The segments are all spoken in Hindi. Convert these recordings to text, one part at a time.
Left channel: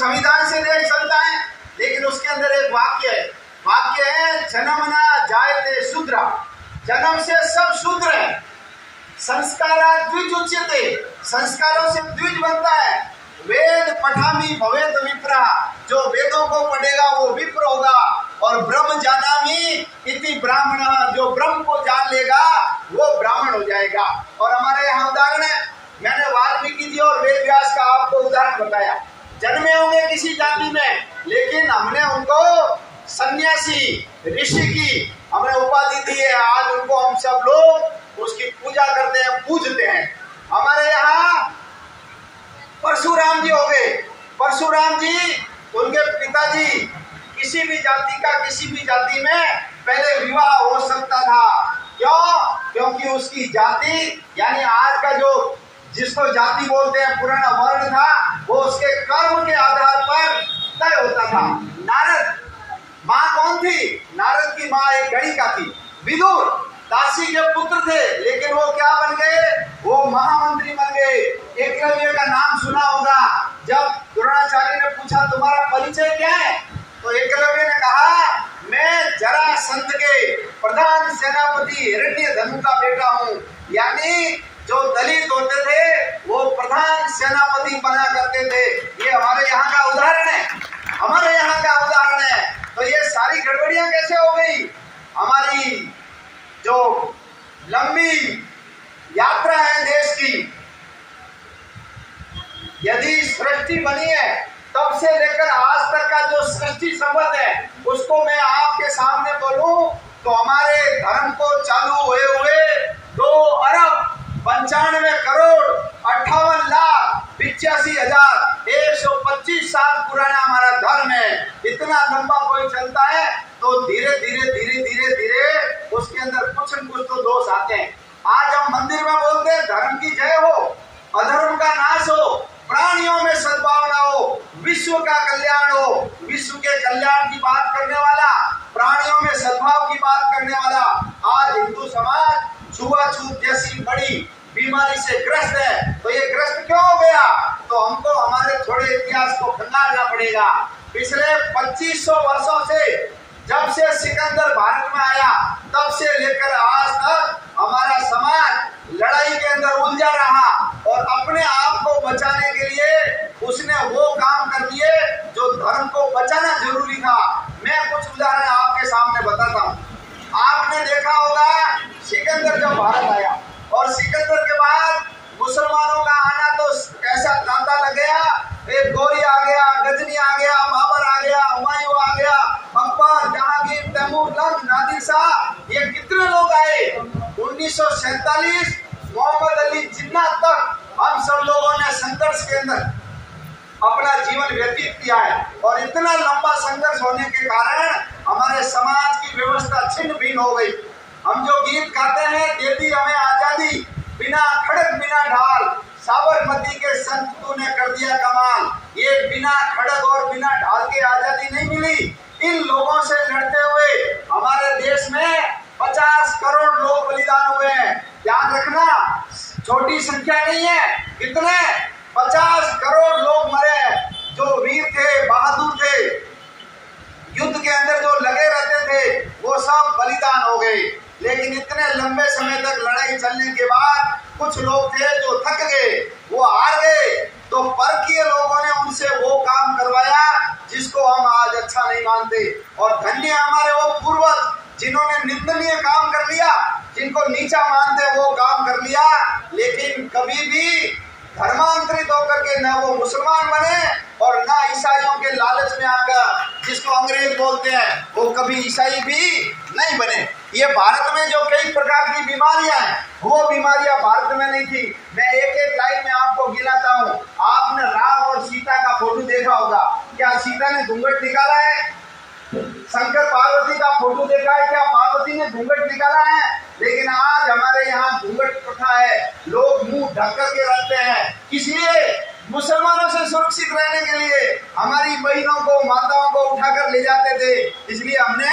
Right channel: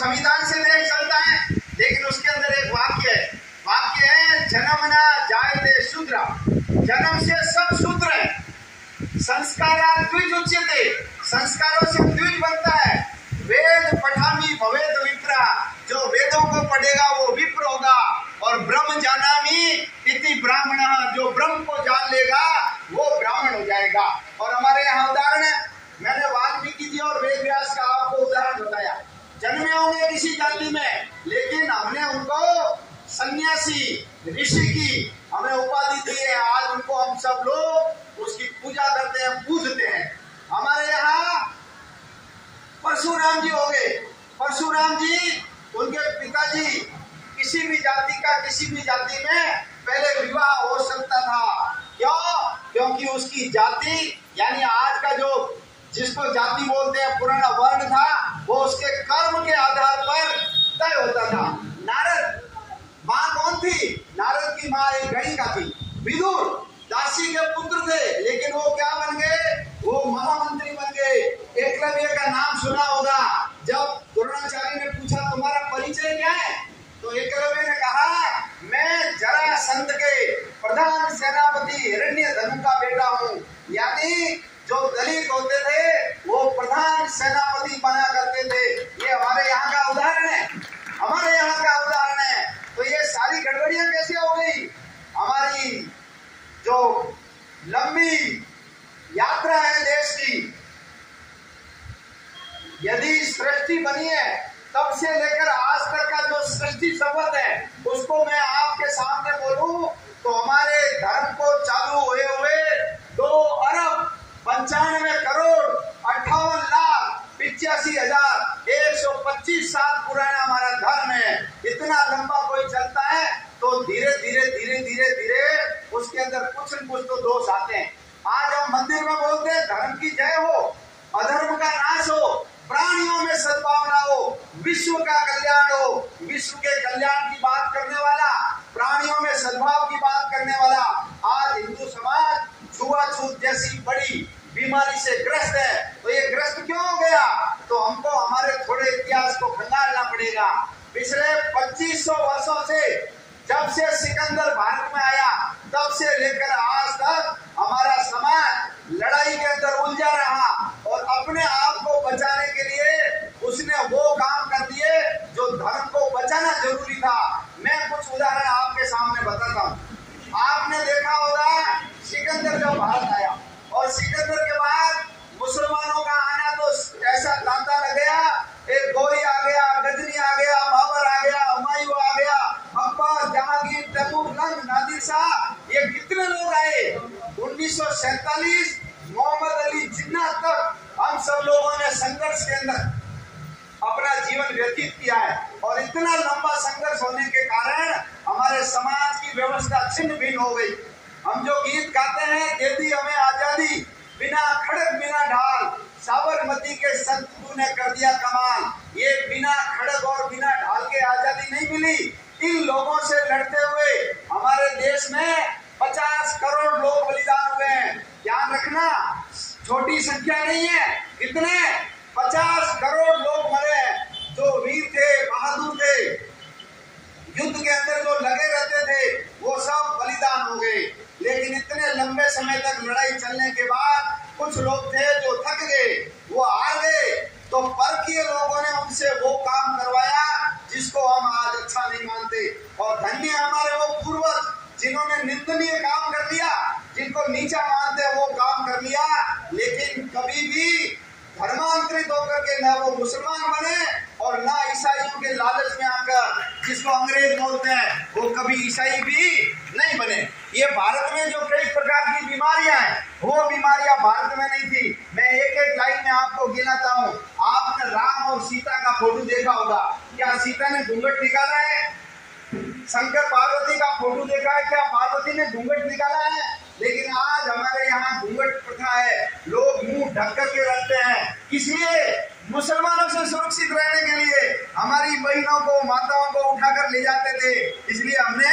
संविधान से देश चलता है, लेकिन उसके अंदर एक वाक्य है जन्मना जायते शूद्र, जन्म से सब शूद्र है। संस्कारा द्विज उच्यते, संस्कारों से द्विज बनता है। वेद पठामी भवेत विप्रा, जो वेदों को पढ़ेगा वो विप्र होगा। और ब्रह्म जानामि इति ब्राह्मण, जो ब्रह्म को जान लेगा वो ब्राह्मण हो जाएगा। और हमारे यहाँ उदाहरण है, मैंने वाल्मीकि जी और वेद व्यास का आपको उदाहरण बताया। जन्मे होंगे किसी जाति में, लेकिन हमने उनको सन्यासी ऋषि की हमने उपाधि दी है। आज उनको हम सब लोग उसकी पूजा करते हैं, पूजते हैं। हमारे यहाँ परशुराम जी हो गए। परशुराम जी, उनके पिताजी, किसी भी जाति का किसी भी जाति में पहले विवाह हो सकता था। क्यों? क्योंकि उसकी जाति यानी आज का जो जिसको जाति बोलते हैं पुराना वर्ण था, वो उसके कर्म के आधार पर तय होता था। नारद माँ कौन थी? नारद की माँ एक गणिका थी। विदुर दासी के पुत्र थे, लेकिन वो क्या बन गए? वो महामंत्री बन गए। एकलव्य का नाम सुना होगा। जब द्रोणाचार्य ने पूछा तुम्हारा परिचय क्या है, तो एकलव्य ने कहा मैं जरासंध के प्रधान सेनापति हिरण्यधनु का बेटा हूँ। यानी जो दलित होते थे वो प्रधान सेनापति बना करते थे। ये हमारे यहाँ का उदाहरण है, हमारे यहाँ का उदाहरण है। तो ये सारी गड़बड़ियां कैसे हो गई? हमारी जो लंबी यात्रा है देश की, यदि सृष्टि बनी है तब से लेकर आज तक का जो सृष्टि संबंध है उसको मैं आपके सामने बोलूं तो हमारे धर्म को चालू हुए 2,95,58,85,125 साल पुराना हमारा धर्म है। इतना लंबा कोई चलता है तो धीरे धीरे उसके अंदर कुछ न कुछ तो दोष आते हैं। आज हम मंदिर में बोलते हैं धर्म की जय हो, अधर्म का नाश हो, प्राणियों में सद्भावना हो, विश्व का कल्याण हो। विश्व के कल्याण की बात करने वाला, प्राणियों में सद्भाव की बात करने वाला आज हिंदू समाज छुआछूत जैसी बड़ी बीमारी से ग्रस्त है। तो ये ग्रस्त क्यों हो गया? तो हमको हमारे थोड़े इतिहास को खंगालना पड़ेगा। पिछले 2500 वर्षों से, जब से सिकंदर भारत में आया तब से लेकर आज तक हमारा समाज लड़ाई के अंदर उलझा रहा और अपने आप को बचाने के लिए उसने वो काम कर दिए जो धर्म को बचाना जरूरी था। मैं कुछ उदाहरण आपके सामने बताता हूँ। आपने देखा होगा सिकंदर जब भारत आया और सिकंदर के बाद मुसलमानों का आना तो ऐसा तांता लग गया। एक गौरी आ गया, गजनी आ गया, बाबर आ गया, हुमायूं आ गया, अकबर, जहांगीर, तैमूर, लंग, नादिर शाह, ये कितने लोग आए। 1947 मोहम्मद अली जिन्ना तक हम सब लोगों ने संघर्ष के अंदर अपना जीवन व्यतीत किया है। और इतना लंबा संघर्ष होने के कारण हमारे समाज की व्यवस्था छिन्न भिन्न हो गई। हम जो गीत गाते हैं, दे दी हमें आजादी, बिना खड़क बिना ढाल, साबरमती के संत तूने कर दिया कमाल। ये बिना खड़क और बिना ढाल के आजादी नहीं मिली। इन लोगों से लड़ते हुए हमारे देश में 50 करोड़ लोग बलिदान हुए हैं। ध्यान रखना, छोटी संख्या नहीं है। कितने? 50 करोड़ लोग मरे, जो वीर थे, बहादुर थे, युद्ध के अंदर जो लगे रहते थे, वो सब बलिदान हो गए। लेकिन इतने लंबे समय तक लड़ाई चलने के बाद कुछ लोग थे जो थक गए, वो हार गए। तो परकीय लोगों ने उनसे वो काम करवाया जिसको हम आज अच्छा नहीं मानते। और धन्य हमारे वो पूर्वज जिन्होंने निंदनीय काम कर लिया, जिनको नीचा मानते वो काम कर लिया, लेकिन कभी भी धर्मांतरित होकर के न वो मुसलमान बने और न ईसाइयों के लालच में आकर, जिसको अंग्रेज बोलते हैं, वो कभी ईसाई भी नहीं बने। ये भारत में जो कई प्रकार की बीमारियां हैं, वो बीमारियां भारत में नहीं थी। मैं एक एक लाइन में आपको गिनाता हूँ। आपने राम और सीता का फोटो देखा होगा। क्या सीता ने घूंघट निकाला है? शंकर पार्वती का फोटो देखा है? क्या पार्वती ने घूंघट निकाला है? लेकिन आज हमारे यहाँ घूंघट प्रथा है, लोग मुंह ढक करके रखते हैं। इसलिए मुसलमानों से सुरक्षित रहने के लिए हमारी बहनों को, माताओं को उठाकर ले जाते थे। इसलिए हमने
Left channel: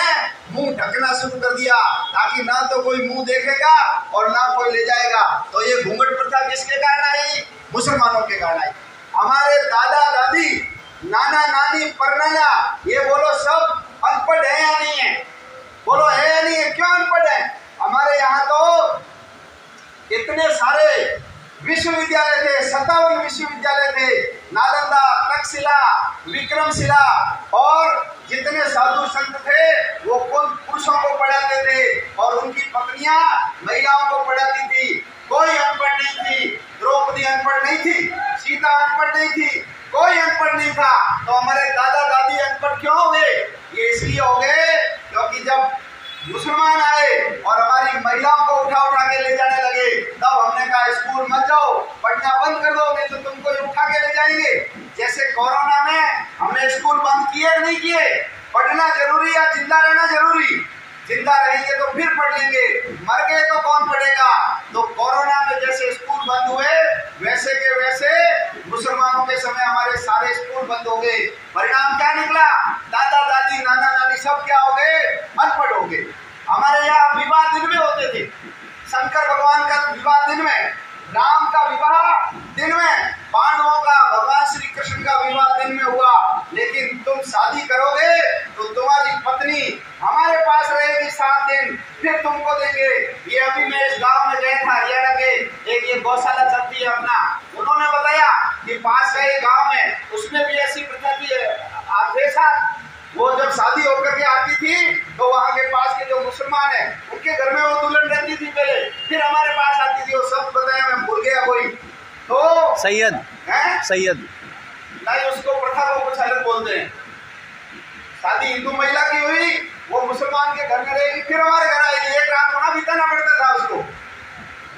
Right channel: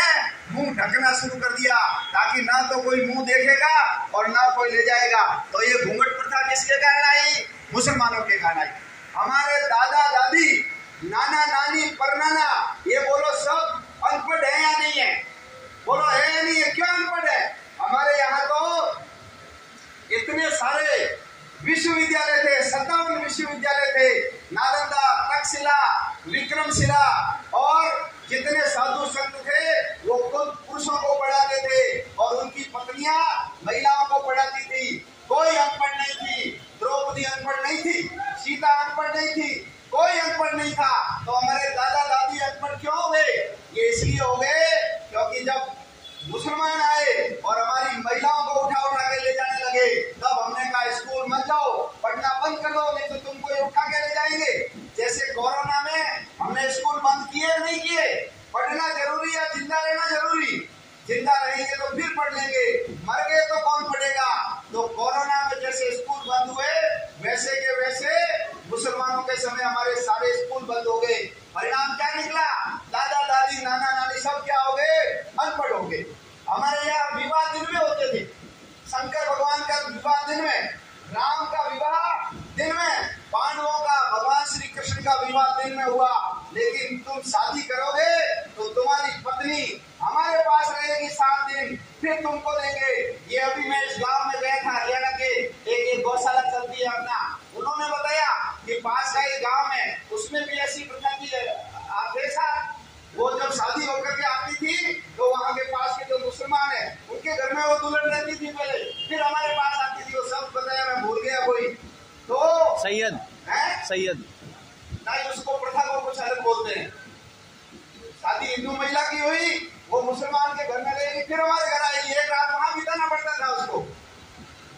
मुंह ढकना शुरू कर दिया, ताकि ना तो कोई मुंह देखेगा और ना कोई ले जाएगा। तो ये घूंघट प्रथा किसके कारण आई? मुसलमानों के कारण आई। हमारे दादा दादी नाना नानी परनाना, ये बोलो सब अनपढ़ है या नहीं है? बोलो है या नहीं है? क्यों अनपढ़ है? हमारे यहाँ तो इतने सारे विश्वविद्यालय थे, 57 विश्वविद्यालय थे, नालंदा, तक्षशिला, विक्रमशिला, और जितने साधु संत थे वो खुद पुरुषों को पढ़ाते थे और उनकी पत्नियां महिलाओं को पढ़ाती थी। कोई अनपढ़ नहीं थी, द्रौपदी अनपढ़ नहीं थी, सीता अनपढ़ नहीं थी, कोई अनपढ़ नहीं था। तो हमारे दादा दादी अनपढ़ क्यों हुए? ये इसलिए हो गए क्योंकि जब मुसलमान आए और हमारी महिलाओं को उठा उठा के ले जाने लगे, तब हमने कहा स्कूल मत जाओ, पढ़ना बंद कर दो, नहीं तो तुमको उठा के ले जाएंगे। जैसे कोरोना में हमने स्कूल बंद किए नहीं किए? पढ़ना जरूरी या जिंदा रहना जरूरी? जिंदा रहेंगे तो फिर पढ़ लेंगे, मर गए तो कौन पढ़ेगा? तो कोरोना में जैसे स्कूल बंद हुए वैसे के वैसे मुसलमानों के समय हमारे सारे स्कूल बंद हो गए। परिणाम क्या निकला? दादा दादी नाना नानी सब क्या हो गए? अनपढ़ हो गए। हमारे यहाँ विवाह दिन में होते थे, शंकर भगवान का विवाह दिन में, राम का विवाह दिन में, पांडवों का, भगवान श्री कृष्ण का विवाह दिन में हुआ। लेकिन तुम शादी करोगे तो तुम्हारी पत्नी हमारे पास रहेगी 7 दिन, फिर तुमको देंगे। ये अभी मैं इस गांव में गया था, ये लगे एक ये गौशाला चलती है अपना, उन्होंने बताया कि पास का ये गांव है, उसमें भी ऐसी प्रथा थी। वो जब शादी होकर के आती थी तो वहाँ के पास के जो मुसलमान है उनके घर में वो दुल्हन रहती थी पहले, फिर हमारे पास आती थी। वो सब बताया, मैं भूल गया कोई तो सैयद नहीं, उसको प्रथा को कुछ अलग बोलते हैं। शादी हिंदू महिला की हुई, वो मुसलमान के घर में रहेगी, फिर हमारे घर आएगी। एक रात होना बिताना पड़ता था उसको।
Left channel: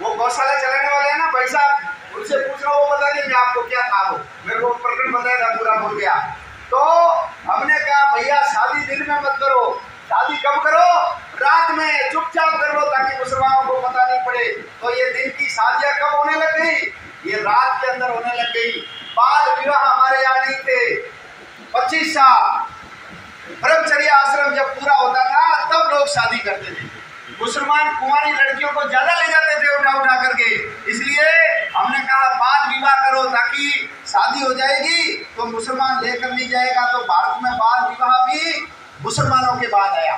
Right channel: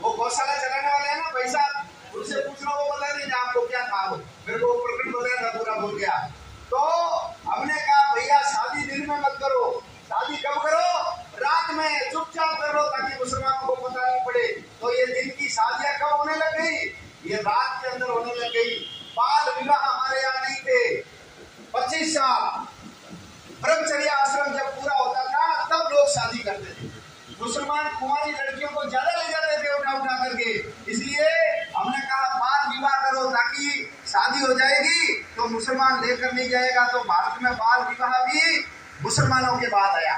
वो गौशाला चलाने वाले हैं ना भाई साहब, उनसे पूछ लो, वो बता देंगे आपको क्या था। वो मेरे को प्रकरण बताया था, पूरा भूल गया। तो हमने कहा भैया शादी दिन में मत करो, शादी कब करो? रात में चुपचाप कर लो ताकि मुसलमानों को पता नहीं पड़े। तो ये दिन की शादियां कब होने लग गई? ये रात के अंदर होने लग गई। बाल विवाह हमारे यहाँ नहीं थे। 25 साल ब्रह्मचर्य आश्रम जब पूरा होता था तब लोग शादी करते थे। मुसलमान कुंवारी लड़कियों को ज्यादा ले जाते थे उठा उठा करके। इसलिए हमने कहा बाल विवाह करो ताकि शादी हो जाएगी तो मुसलमान लेकर नहीं जाएगा। तो भारत में बाल विवाह भी मुसलमानों के बाद आया।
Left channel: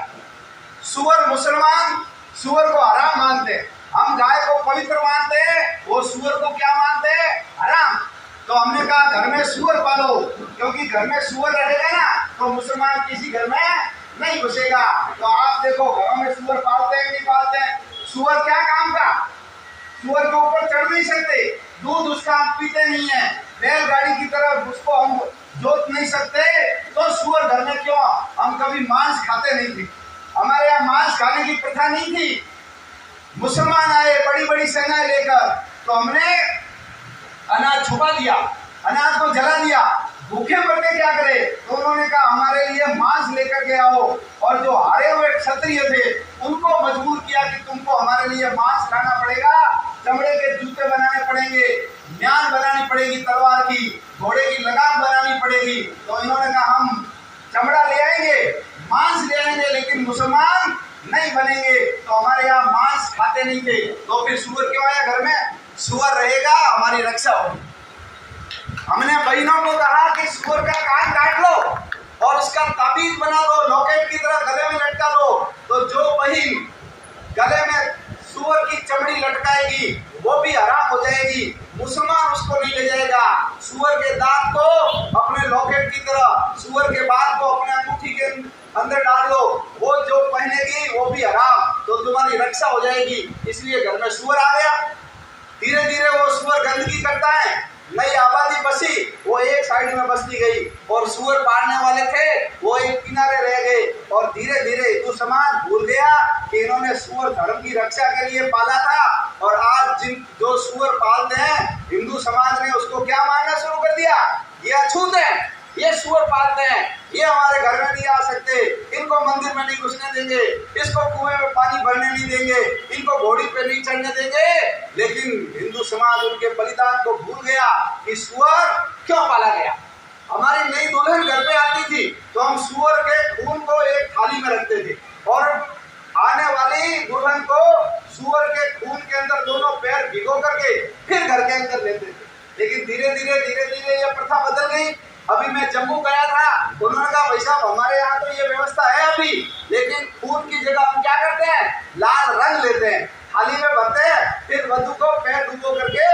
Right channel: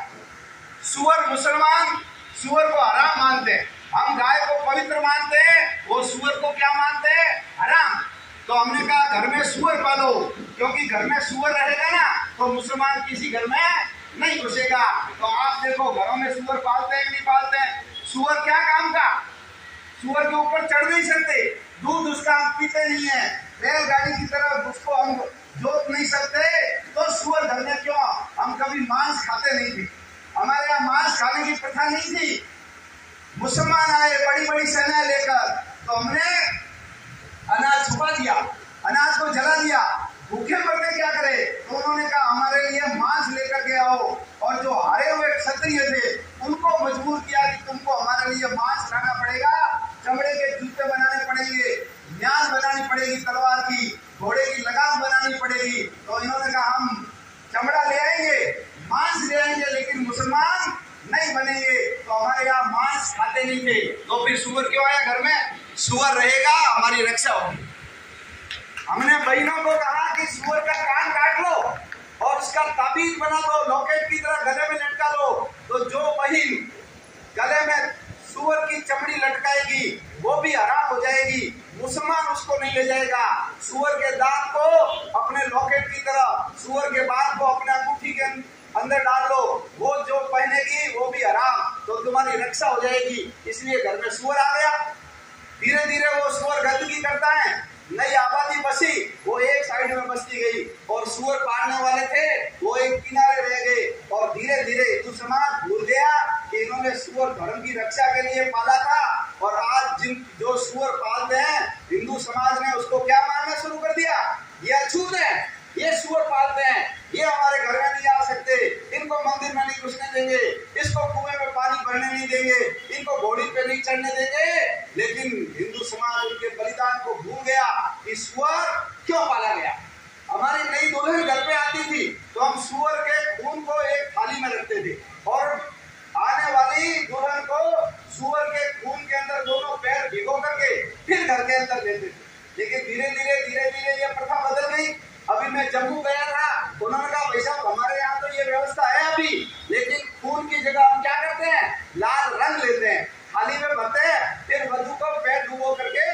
सुअर मुसलमान सुअर को हराम मानते हैं, हम गाय को पवित्र मानते हैं, वो सुअर को क्या मानते हैं? हराम। तो हमने कहा घर में सुअर पालो, क्योंकि घर में सुअर रहेगा ना तो मुसलमान किसी घर में नहीं घुसेगा। तो आप देखो घरों में सुअर पालते हैं नहीं पालते हैं? सुअर क्या काम का? सुअर के ऊपर चढ़ नहीं सकते, दूध उसका हम पीते नहीं है, बैलगाड़ी की तरह उसको हम जोत नहीं सकते। तो सुअर घर में क्यों? हम कभी मांस खाते नहीं थे, हमारे यहाँ मांस खाने की प्रथा नहीं थी। मुसलमान आए बड़ी बड़ी सेनाएं लेकर, तो हमने अनाज छुपा दिया, अनाज को जला दिया। भूखे पड़ते क्या करे? तो उन्होंने कहा हमारे लिए मांस लेकर के आओ। और जो हारे हुए क्षत्रिय थे उनको मजबूर किया कि तुमको हमारे लिए मांस खाना पड़ेगा, चमड़े के जूते बनाने पड़ेंगे, म्यान बनानी पड़ेगी, तलवार की, घोड़े की लगाम बनानी पड़ेगी। तो इन्होंने कहा हम चमड़ा ले आएंगे, मांस ले आएंगे, लेकिन मुसलमान नहीं बनेंगे। तो हमारे यहाँ मांस खाते नहीं थे। तो फिर सुअर क्यों आया घर में? सुअर रहेगा हमारी रक्षा होगी। हमने बहनों को कहा कि सुअर का कान काट लो और उसका ताबीज बना दो, लॉकेट की तरह गले में लटका लो। तो जो बहन गले में सुअर की चमड़ी लटकाएगी वो भी हराम हो जाएगी, मुसलमान उसको नहीं ले जाएगा। सुअर के दांत को अपने लॉकेट की तरह, सुअर के बाल को अपने अंगूठी के अंदर डाल लो, वो जो पहनेगी वो भी हराम, तो तुम्हारी रक्षा हो जाएगी। इसलिए घर में सुअर आ गया। धीरे धीरे वो सुअर गंदगी करता है, नई आबादी बसी, वो एक साइड में बसती गई और सुअर पालने वाले थे वो एक किनारे रह गए। और धीरे धीरे हिंदू समाज भूल गया कि इन्होंने सुअर धर्म की रक्षा के लिए पाला था। और आज जिन जो सुअर पालते हैं हिंदू समाज ने उसको क्या मानना शुरू कर दिया? ये अछूत है, ये सुअर पालते हैं, ये हमारे घर में नहीं आ सकते, इनको मंदिर में नहीं घुसने देंगे, इसको कुएं में पानी भरने नहीं देंगे, इनको घोड़ी पे नहीं चढ़ने देंगे। लेकिन हिंदू समाज उनके बलिदान को भूल गया कि सुअर क्यों पाला गया। हमारी नई दुल्हन घर पे आती थी तो हम सुअर के खून को एक थाली में रखते थे और आने वाली दुल्हन को सुअर के खून के अंदर दोनों पैर भिगो करके फिर घर के अंदर लेते थे। लेकिन धीरे धीरे ये प्रथा बदल गई। अब अभी मैं जम्मू गया था, उन्होंने कहा भाई साहब हमारे यहाँ तो ये व्यवस्था है अभी, लेकिन खून की जगह हम क्या करते हैं, लाल रंग लेते हैं, थाली में भरते हैं, फिर वधू को पैर डुबो करके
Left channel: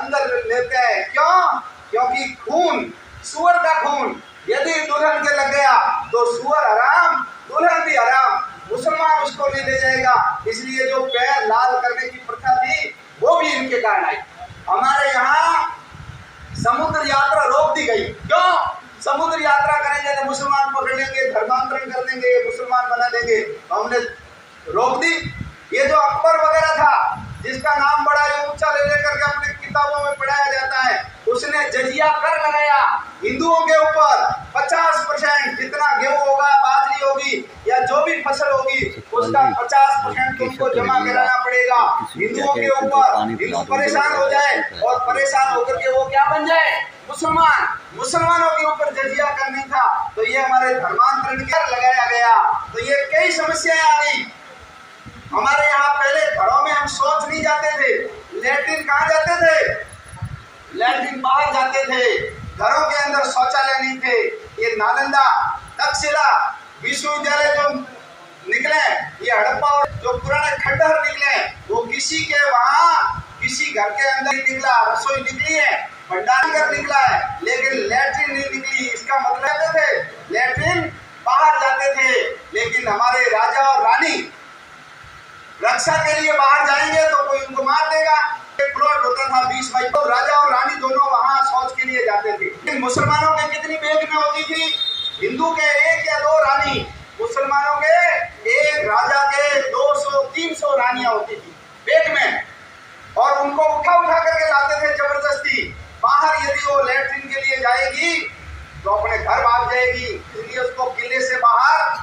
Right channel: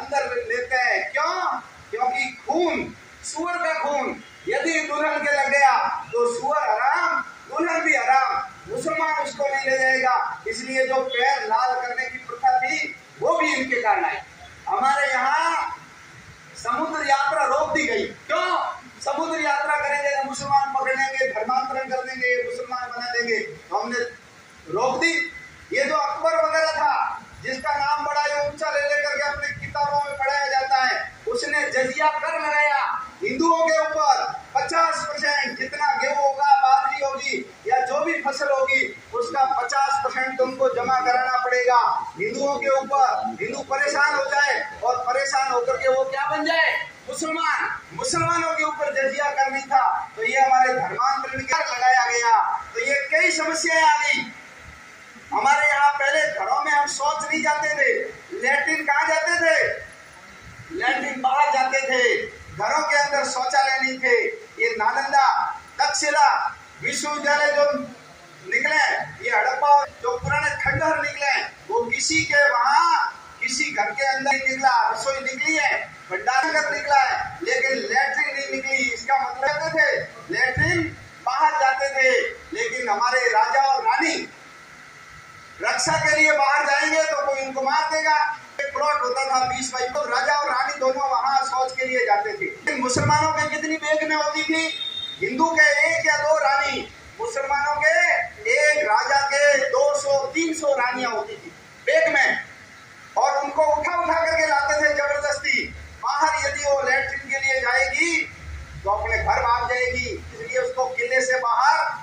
अंदर लेते हैं। क्यों? क्योंकि खून, सुअर का खून यदि दुल्हन के लग गया तो सुअर हराम, दुल्हन भी हराम, मुसलमान उसको नहीं ले जाएगा। इसलिए जो पैर लाल करने की प्रथा थी वो भी इनके कारण आई। हमारे यहाँ समुद्र यात्रा रोक दी गई। क्यों? समुद्र यात्रा करेंगे तो मुसलमान पकड़ लेंगे, धर्मांतरण कर देंगे, मुसलमान बना देंगे, तो हमने रोक दी। ये जो अकबर वगैरह था, जिसका नाम बड़ा ही ऊंचा ले लेकर के अपने किताबों में पढ़ाया जाता है, उसने जजिया कर लगाया हिंदुओं के ऊपर। 50% जितना गेहूं होगा, बाजरी होगी या जो भी फसल होगी, उसका 50% तुमको जमा कराना पड़ेगा हिंदुओं के ऊपर। हिंदू परेशान हो जाए और परेशान होकर के वो क्या बन जाए, मुसलमान। मुसलमानों के ऊपर जजिया करनी था, तो ये हमारे धर्मांतरण के लगाया गया। तो ये कई समस्याएं आ गई। हमारे यहाँ पहले घरों में हम शौच नहीं जाते थे, लैट्रिन कहाँ जाते थे, लैट्रिन बाहर जाते थे, घरों के अंदर शौचालय नहीं थे। ये नालंदा, तक्षशिला विश्वविद्यालय जो निकले, ये हड़प्पा जो पुराने खंडहर निकले, वो किसी के वहाँ किसी घर के अंदर निकला, रसोई निकली है, भंडारघर निकला है, लेकिन लैट्रिन नहीं निकली। इसका मतलब जाते थे लैट्रिन बाहर जाते थे, लेकिन हमारे राजा और रानी रक्षा के लिए बाहर जाएंगे तो कोई उनको मार देगा। एक प्लॉट होता था 20 बाई, तो राजा और रानी दोनों वहां शौच के लिए जाते थे। लेकिन मुसलमानों के कितनी बेग में होती थी, हिंदू के 1 या 2 रानी, मुसलमानों के एक राजा के 200-300 रानियां होती थी बेग में, और उनको उठा उठा करके लाते थे जबरदस्ती बाहर। यदि वो लैट्रिन के लिए जाएगी तो अपने घर भाग जाएगी, इसलिए उसको किले से बाहर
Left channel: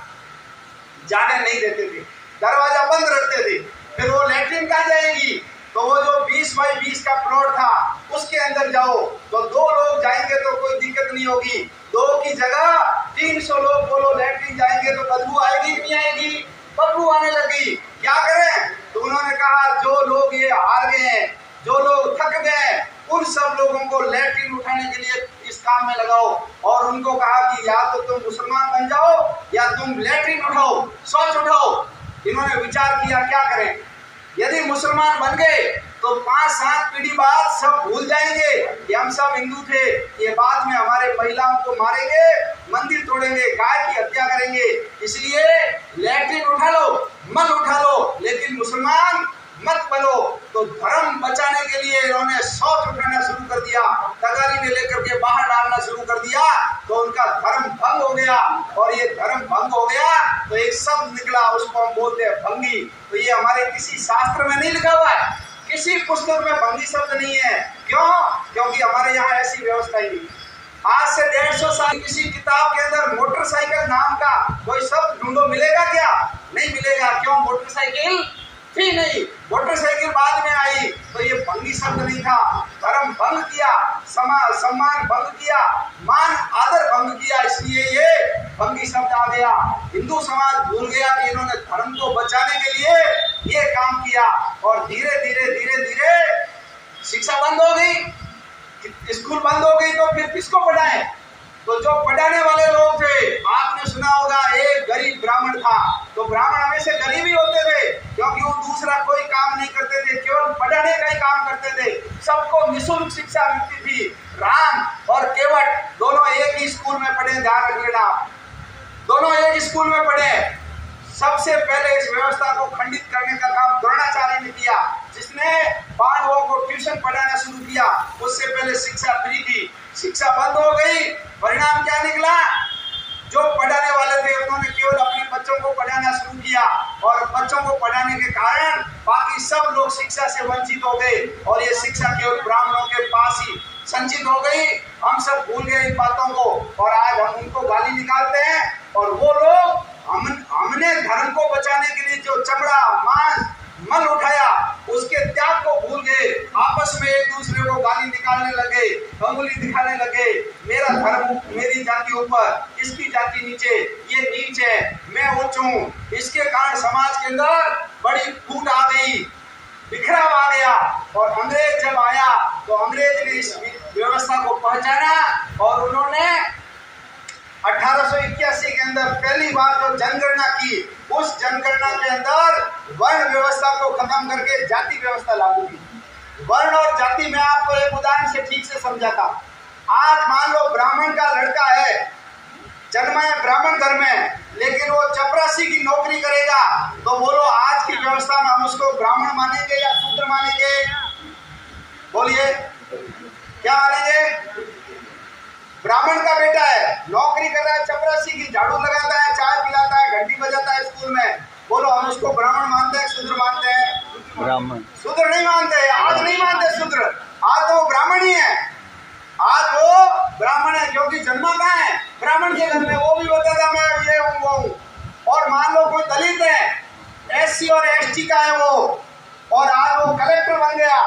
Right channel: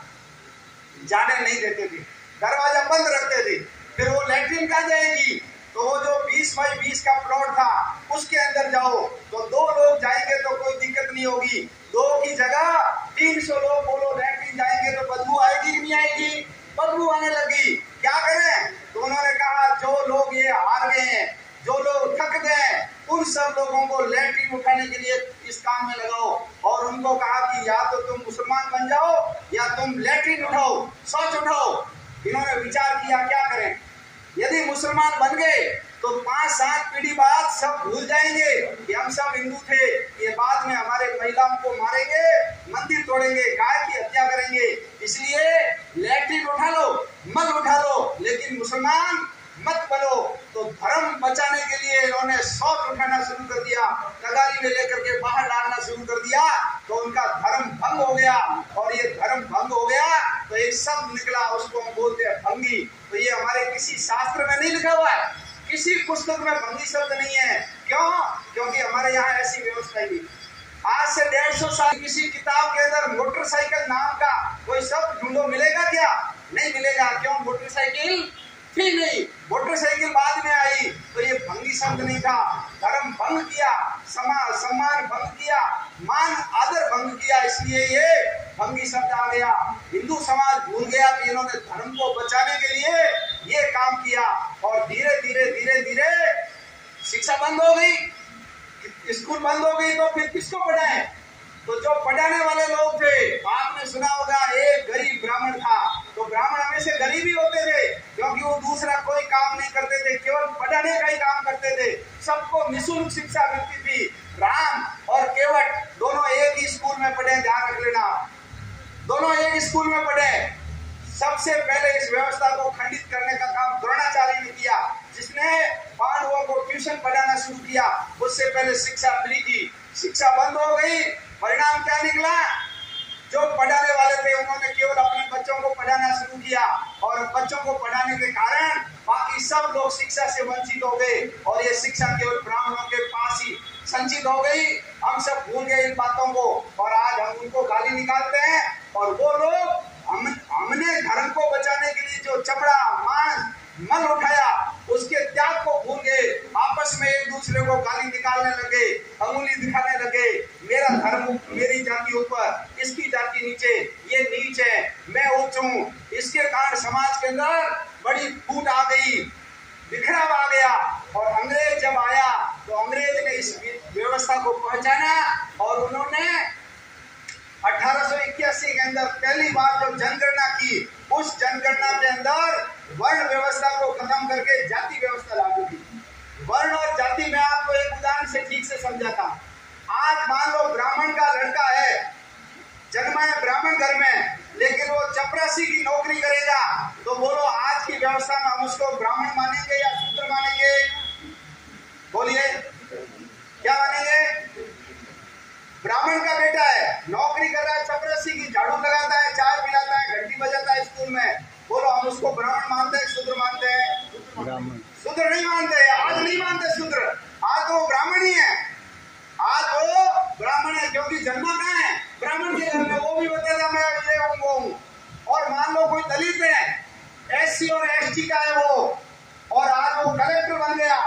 जाने नहीं देते थे, दरवाजा बंद रखते थे। फिर वो लैट्रिन कहाँ जाएगी, तो वो जो 20 बाई 20 का प्लॉट था उसके अंदर जाओ तो 2 लोग जाएंगे तो कोई दिक्कत नहीं होगी, 2 की जगह 300 लोग बोलो लैट्रिन जाएंगे तो बदबू आएगी कि नहीं आएगी, बदबू आने लगी। क्या करें? तो उन्होंने कहा जो लोग ये हार गए हैं, जो लोग थक गए, उन सब लोगों को लैट्रिन उठाने के लिए इस काम में लगाओ। और उनको कहा कि या तो तुम मुसलमान बन जाओ या तुम लैट्रिन उठाओ, शौच उठाओ। इन्होंने विचार किया क्या करें। यदि मुसलमान बन गए तो 5-7 पीढ़ी बाद सब भूल जाएंगे कि हम सब हिंदू थे। ये बाद में हमारे महिलाओं को मारेंगे, मंदिर तोड़ेंगे, गाय की हत्या करेंगे। इसलिए लैट्रिन उठा लो, मल उठा लो, लेकिन मुसलमान मत बनो। तो धर्म बचाने के लिए इन्होंने शौच उठाना शुरू कर दिया, तगारी में लेकर के बाहर डालना शुरू कर दिया, तो उनका धर्म भंग हो गया। और ये धर्म भंग हो गया तो एक शब्द निकला, उसको हम बोलते हैं भंगी। तो ये हमारे किसी शास्त्र में नहीं लिखा हुआ है, किसी पुस्तक में भंगी शब्द नहीं है। क्यों? क्योंकि हमारे यहाँ ऐसी व्यवस्था ही नहीं। आज से 150 साल किसी किताब के अंदर मोटरसाइकिल नाम का कोई शब्द ढूंढो, मिलेगा क्या? नहीं मिलेगा। क्यों? मोटरसाइकिल थी नहीं, मोटरसाइकिल बाद में आई। तो ये भंगी शब्द नहीं था। धर्म भंग किया, सम्मान भंग किया, मान आदर भंग किया, इसलिए ये भंगी शब्द आ गया। हिंदू समाज भूल गया कि इन्होंने धर्म को बचाने के लिए ये काम किया। और धीरे धीरे धीरे धीरे शिक्षा बंद हो गई, स्कूल बंद हो गई, तो फिर किसको पढ़ाएं? तो जो पढ़ाने वाले लोग थे, आपने सुना होगा एक गरीब ब्राह्मण था। तो ब्राह्मण हमेशा गरीब ही होते थे, क्योंकि वो दूसरा कोई काम नहीं करते थे, केवल पढ़ाने का ही काम करते थे। सबको निःशुल्क शिक्षा मिलती थी। राम और केवट दोनों एक ही स्कूल में पढ़े, ध्यान रख लेना, दोनों एक स्कूल में पढ़े। सबसे पहले इस व्यवस्था को खंडित करने का काम द्रोणाचार्य ने किया, जिसने पांडवों को ट्यूशन पढ़ाना शुरू किया। उससे पहले शिक्षा फ्री थी, शिक्षा बंद हो गई। परिणाम क्या निकला? जो पढ़ाने वाले थे उन्होंने केवल अपने बच्चों को पढ़ाना शुरू किया, और बच्चों को पढ़ाने के कारण बाकी सब लोग शिक्षा से वंचित हो गए, और ये शिक्षा केवल ब्राह्मणों के पास ही संचित हो गई। हम सब भूल गए इन बातों को, और आज हम उनको गाली निकालते हैं। और वो लोग हमने धर्म को बचाने के लिए जो चमड़ा, मांस, मल उठाया, उसके त्याग को भूल गए। आपस में एक दूसरे को गाली निकालने लगे, अंगुली दिखाने लगे, मेरा धर्म मेरी जाति ऊपर, इसकी जाति नीचे, ये नीच है, मैं उच्च हूँ। इसके कारण समाज के अंदर बड़ी फूट आ गई, बिखराव आ गया। और अंग्रेज जब आया तो अंग्रेज ने इस व्यवस्था को पहचाना और उन्होंने जनगणना के अंदर वर्ण व्यवस्था को खत्म करके जाति व्यवस्था लागू की। वर्ण और जाति में आपको एक उदाहरण से ठीक से समझाता हूं। आज मान लो ब्राह्मण का लड़का है, जन्मा है ब्राह्मण घर में, लेकिन वो चपरासी की नौकरी करेगा, तो बोलो आज की व्यवस्था में हम उसको ब्राह्मण मानेंगे या शूद्र मानेंगे? बोलिए, क्या मानेंगे? ब्राह्मण का बेटा है, नौकरी कर रहा है चपरासी की, झाड़ू लगाता है, चाय पिलाता है, घंटी बजाता है स्कूल में, बोलो हम उसको ब्राह्मण मानते हैं शूद्र मानते हैं? ब्राह्मण। शूद्र नहीं मानते, आज नहीं मानते शूद्र, आज तो वो ब्राह्मण ही है। आज वो ब्राह्मण है क्योंकि जन्मा कहाँ है? ब्राह्मण के घर में। वो भी बताता मैं ये हूँ वो हूँ। और मान लो कोई दलित है, एससी और एसटी का है वो, और आज वो कलेक्टर बन गया,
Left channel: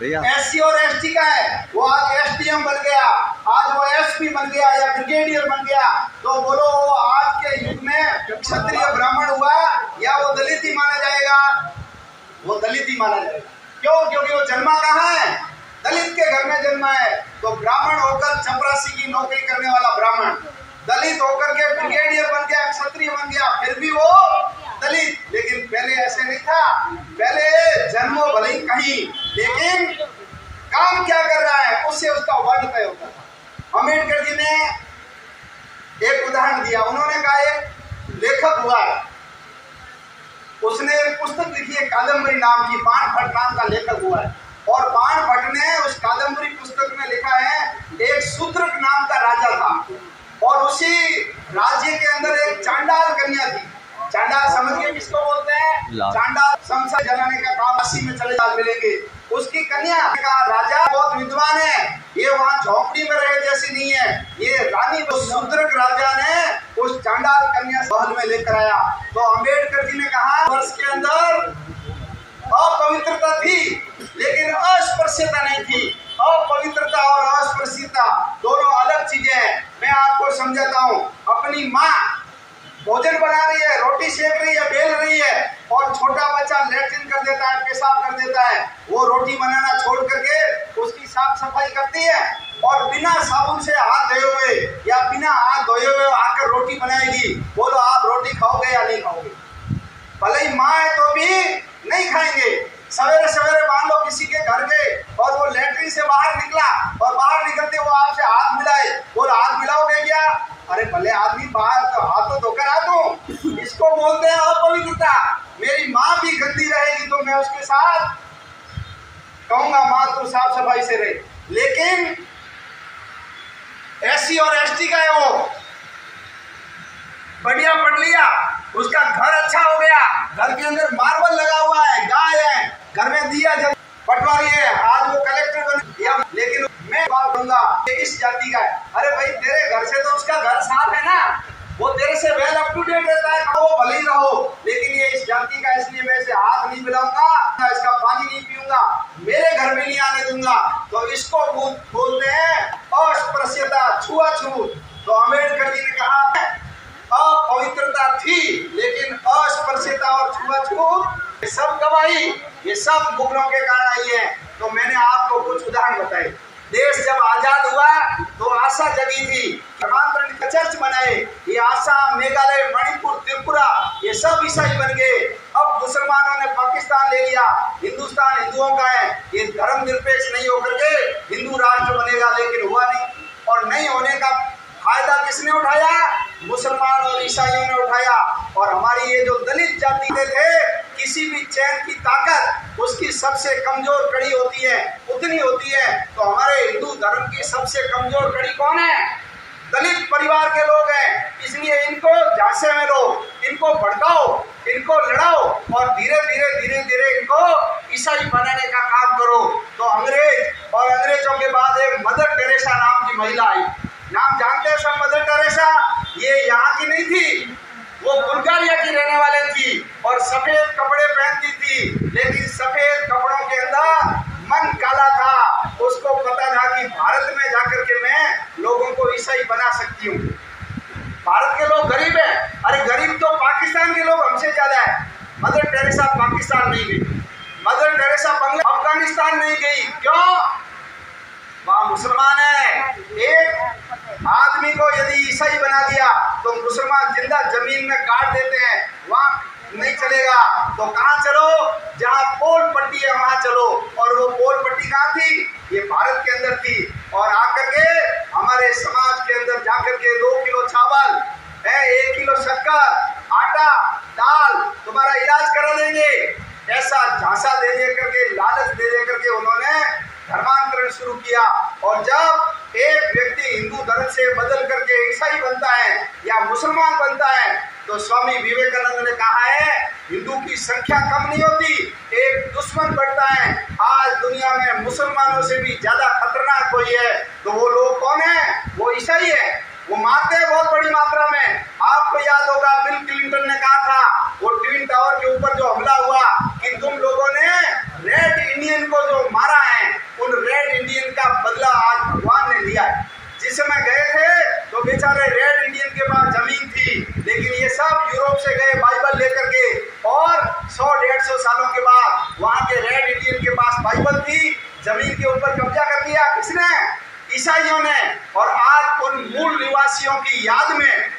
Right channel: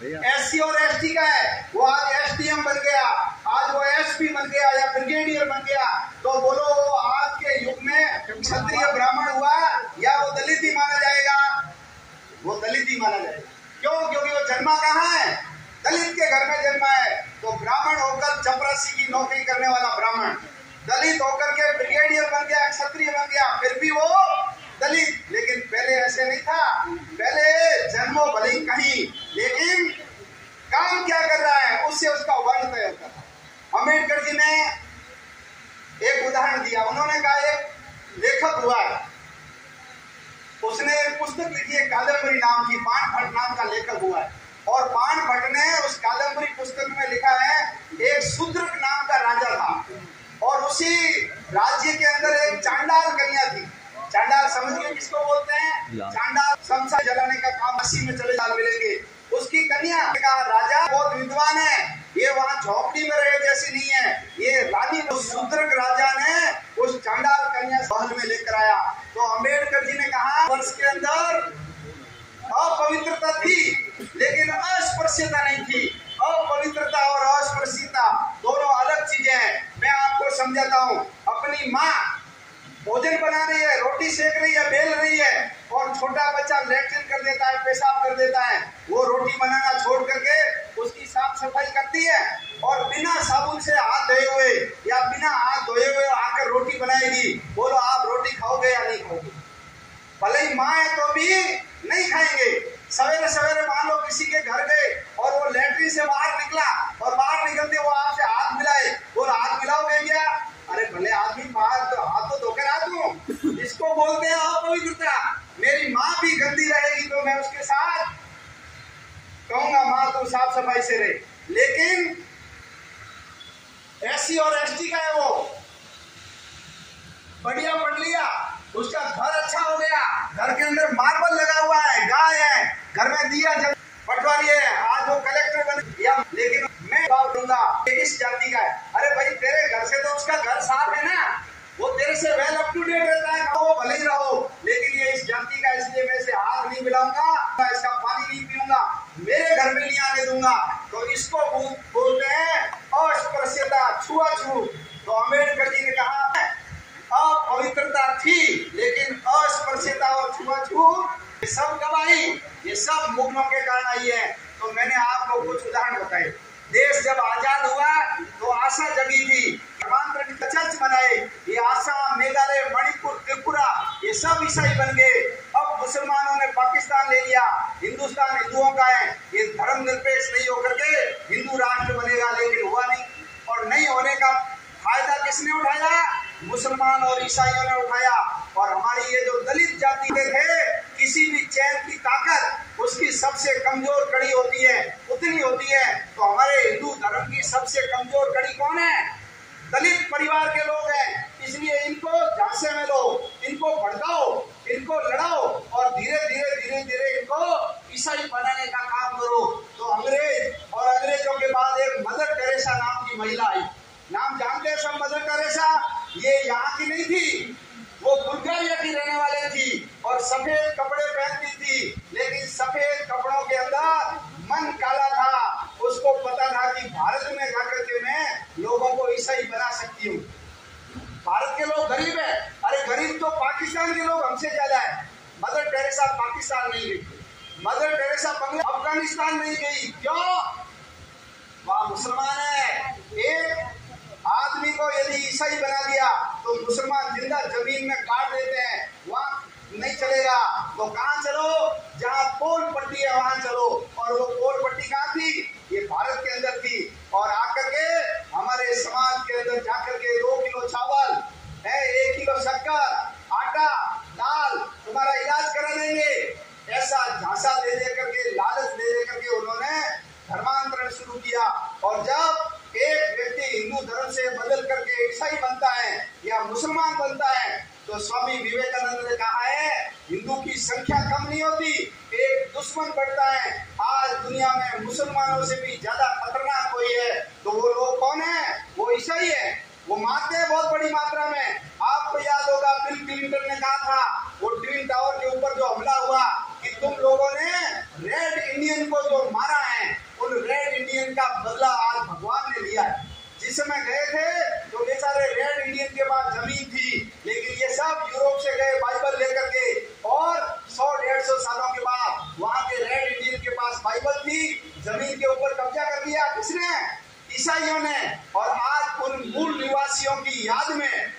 एससी और एसटी का है, वो आज एसडीएम बन गया, आज वो एसपी बन गया या ब्रिगेडियर बन गया, तो बोलो वो आज के युग में क्षत्रिय ब्राह्मण हुआ या वो दलित ही माना जाएगा? वो दलित ही माना जाएगा। क्यों? क्योंकि वो जन्मा कहाँ है? दलित के घर में जन्मा है। तो ब्राह्मण होकर चपरासी की नौकरी करने वाला ब्राह्मण, दलित होकर के ब्रिगेडियर बन गया, क्षत्रिय बन गया, फिर भी वो दलित। लेकिन पहले ऐसे नहीं था, पहले जन्मों भले ही कहीं, लेकिन काम क्या कर रहा है उससे उसका वर्ण तय होता है। अम्बेडकर जी ने एक उदाहरण दिया। उन्होंने कहा एक लेखक हुआ, उसने एक पुस्तक लिखी है कादम्बरी नाम की, बाण भट्ट नाम का लेखक हुआ है, और बाण भट्ट ने उस कादम्बरी पुस्तक में लिखा है एक शूद्रक नाम का राजा था, और उसी राज्य के अंदर एक चांडाल कन्या थी। चांडाल समझ गए किसको बोलते हैं? चांडाल संसार जलाने का काम, काशी में चले जाल मिलेंगे। उसकी कन्या कहा राजा बहुत विद्वान है, ये वहाँ झोपड़ी में रहे जैसी नहीं है, ये रानी। उस शूद्रक राजा ने उस चांडाल कन्या महल में लेकर आया। तो अम्बेडकर जी ने कहा वर्ष के अंदर अपवित्रता थी लेकिन अस्पृश्यता नहीं थी। अपवित्रता और अस्पृश्यता दोनों अलग चीजें हैं। मैं आपको समझाता हूँ। अपनी माँ भोजन बना रही है, रोटी सेक रही है, बेल रही है, और छोटा बच्चा लैट्रिन कर देता है, पेशाब कर देता है, वो रोटी बनाना छोड़ करके उसकी साफ सफाई करती है, और बिना साबुन से हाथ धोए हुए या बिना हाथ धोए हुए आकर रोटी बनाएगी। बोलो आप रोटी खाओगे या नहीं खाओगे? भले ही माँ है तो भी नहीं खाएंगे। सवेरे सवेरे मान लो किसी के घर गए और वो लैट्रिन से बाहर निकला, और बाहर निकलते वो आपसे हाथ मिलाए, बोलो हाथ मिलाओगे क्या? अरे भले आदमी बाहर तो हाथ तो धोकर आ दूं, इसको बोलते हैं अपवित्रता। मेरी माँ भी गंदी रहेगी तो मैं उसके साथ कहूंगा माँ तू साफ सफाई से रहे। लेकिन एससी और एसटी का है, वो बढ़िया पढ़ लिया, उसका घर अच्छा हो गया, घर के अंदर मार्बल लगा हुआ है, गाय है, घर में दिया जल, पटवारी है, आज वो कलेक्टर बन गया। लेकिन मैं बात कहूंगा इस जाति का है, अरे भाई तेरे घर से तो उसका घर साफ है ना, वो तेरे से वेल अप टू डेट रहता है, तो वो भले ही रहो। लेकिन ये इस जाति का, इसलिए मैं इसे हाथ नहीं मिलाऊंगा, इसका पानी नहीं पीऊंगा, मेरे घर में नहीं आने दूंगा। तो इसको बोलते हैं अस्पृश्यता, छुआछूत। तो अम्बेडकर जी ने कहा अपवित्रता थी लेकिन अस्पृश्यता और छुआछूत ये सब गवाही, ये सब मुगलों के कारण आई है। तो मैंने आपको कुछ उदाहरण बताए। देश जब आजाद हुआ तो आशा जगी थी, धर्मांतरण चर्च बनाए, ये आसाम, मेघालय, मणिपुर, त्रिपुरा ये सब ईसाई बन गए। अब मुसलमानों ने पाकिस्तान ले लिया, हिंदुस्तान हिंदुओं का है, ये धर्मनिरपेक्ष नहीं होकर के हिंदू राष्ट्र बनेगा, लेकिन हुआ नहीं। और नहीं होने का फायदा किसने उठाया? मुसलमान और ईसाइयों ने उठाया। और हमारी ये जो दलित जाति थे, किसी भी चैन की ताकत उसकी सबसे कमजोर कड़ी होती है, उतनी होती है। तो हमारे हिंदू धर्म की सबसे कमजोर कड़ी कौन है? दलित परिवार के लोग हैं। इसलिए इनको झांसे में लो, इनको भड़काओ, इनको लड़ाओ, और धीरे धीरे धीरे धीरे इनको ईसाई बनाने का काम करो। तो अंग्रेज और अंग्रेजों के बाद एक मदर टेरेसा नाम की महिला आई। नाम जानते हैं सब? मदर टेरेसा ये यहाँ की नहीं थी, वो बुल्गारिया की रहने वाले थी, और सफेद कपड़े पहनती थी। लेकिन सफेद कपड़ों के अंदर मन काला था। उसको पता था कि भारत में जाकर के मैं लोगों को ईसाई बना सकती हूँ। भारत के लोग गरीब है, अरे गरीब तो पाकिस्तान के लोग हमसे ज्यादा है। मदर टेरेसा पाकिस्तान नहीं गई, मदर टेरेसा अफगानिस्तान नहीं गई। क्यों? वहाँ मुसलमान है। एक आदमी को यदि ईसाई बना दिया तो मुसलमान जिंदा जमीन में गाड़ देते हैं। समाज के अंदर जाकर के 2 किलो चावल है, 1 किलो शक्कर, आटा, दाल तुम्हारा इलाज करा देंगे, ऐसा झांसा दे दे करके, लालच दे दे करके उन्होंने धर्मांतरण शुरू किया। और जब एक व्यक्ति हिंदू धर्म से बदल करके ईसाई बनता है या मुसलमान बनता है, तो स्वामी विवेकानंद ने कहा है हिंदू की संख्या कम नहीं होती, एक दुश्मन बढ़ता है। आज दुनिया में मुसलमानों से भी ज्यादा खतरनाक कोई है तो वो लोग कौन है? वो ईसाई है। वो मारते हैं बहुत बड़ी मात्रा में। आपको याद होगा बिल क्लिंटन ने कहा था वो ट्विन टावर के ऊपर जो हमला हुआ कि तुम लोगों ने रेड इंडियन को जो मारा है, उन रेड इंडियन का बदला आज भगवान ने लिया है। जिस समय गए थे तो बेचारे रेड इंडियन के पास जमीन थी, लेकिन ये सब यूरोप से गए बाइबल लेकर के, और 100-150 सालों के बाद वहां के रेड इंडियन के पास बाइबल थी, जमीन के ऊपर कब्जा कर लिया। किसने? ईसाइयों ने। और आज उन मूल निवासियों की याद में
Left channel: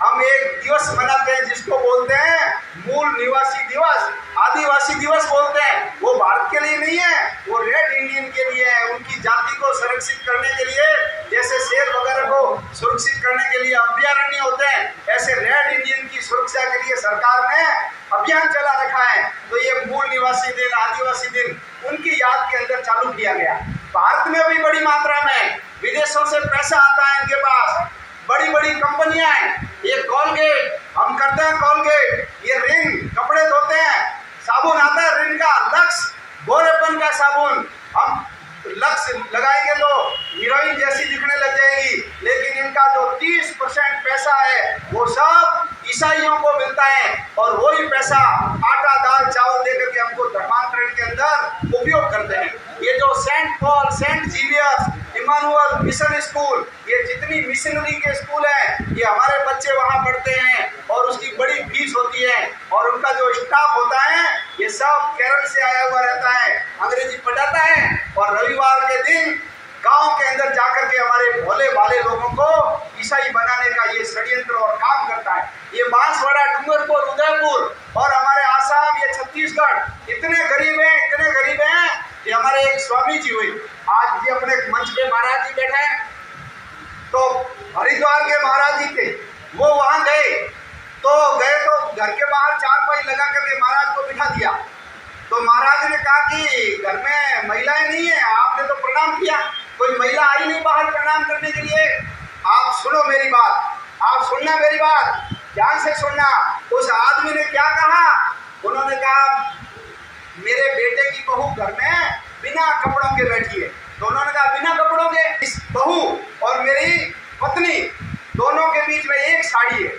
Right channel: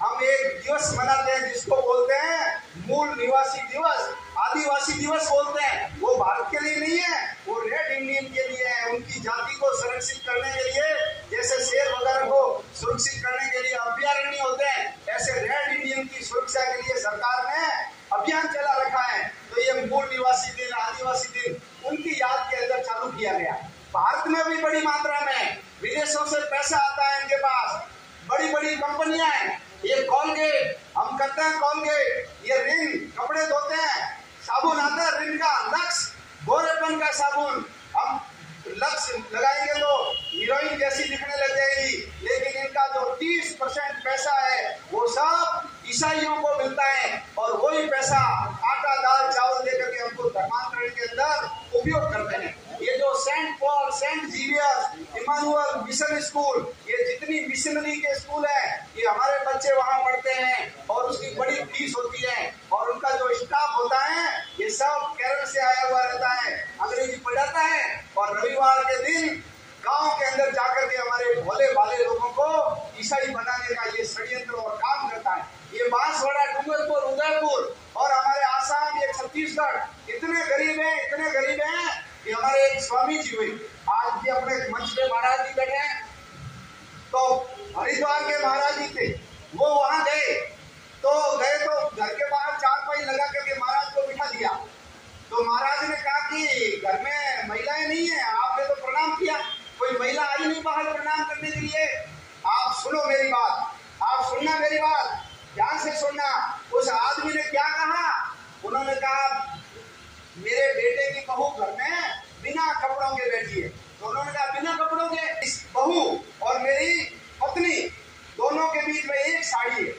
हम एक दिवस मनाते हैं जिसको बोलते हैं मूल निवासी दिवस, आदिवासी दिवस बोलते हैं। वो भारत के लिए नहीं है, वो रेड इंडियन के लिए है। उनकी जाति को संरक्षित करने के लिए, जैसे शेर वगैरह को सुरक्षित करने के लिए अभयारण्य होते हैं, ऐसे रेड इंडियन की सुरक्षा के लिए सरकार ने अभियान चला रखा है। तो ये मूल निवासी दिन, आदिवासी दिन उनकी याद के अंदर चालू किया गया। भारत में भी बड़ी मात्रा में विदेशों से पैसा आता है इनके पास, बड़ी बड़ी कंपनियां हैं। ये कॉलगेट हम करते हैं, कॉलगेट, ये रिन कपड़े धोते हैं, साबुन आता है रिन का, लक्स गोरेपन का साबुन, हम लक्स लगाएंगे तो हीरोइन जैसी दिखने लग जाएगी। लेकिन इनका जो 30% पैसा है वो सब ईसाइयों को मिलता है, और वही पैसा आटा, दाल, चावल देकर के हमको धर्मांतरण के अंदर उपयोग करते हैं। ये जो Saint Paul, Saint Xavier's, Emmanuel Mission School, ये जितनी मिशनरी के स्कूल हैं, ये हमारे बच्चे वहां पढ़ते हैं और उसकी बड़ी फीस होती है। और उनका जो स्टाफ होता है ये सब केरल से आया हुआ रहता है, अंग्रेजी पढ़ाता है, और रविवार के दिन गांव के अंदर जाकर के हमारे भोले भाले लोगों को ईसाई बनाने का ये षड्यंत्र और काम करता है। ये बांसवाड़ा, डूंगरपुर, उदयपुर और हमारे आसाम, ये छत्तीसगढ़ इतने गरीब हैं, इतने गरीब हैं कि हमारे एक स्वामी जी हुए, आज भी अपने मंच पे महाराज जी बैठे हैं, तो हरिद्वार के महाराज जी थे, वो वहां गए तो घर के बाहर चारपाई लगा करके महाराज को बिठा दिया। तो महाराज ने कहा कि घर में महिलाएं नहीं है, आपने तो प्रणाम किया, कोई महिला आई नहीं बाहर प्रणाम करने के लिए। आप सुनो मेरी बात, आप सुनना मेरी बात, ध्यान से सुनना। उस आदमी ने क्या कहा? उन्होंने कहा मेरे बेटे की बहू घर में बिना कपड़ों के बैठी है। तो उन्होंने कहा बिना कपड़ों के? इस बहू और मेरी पत्नी दोनों के बीच में एक साड़ी है।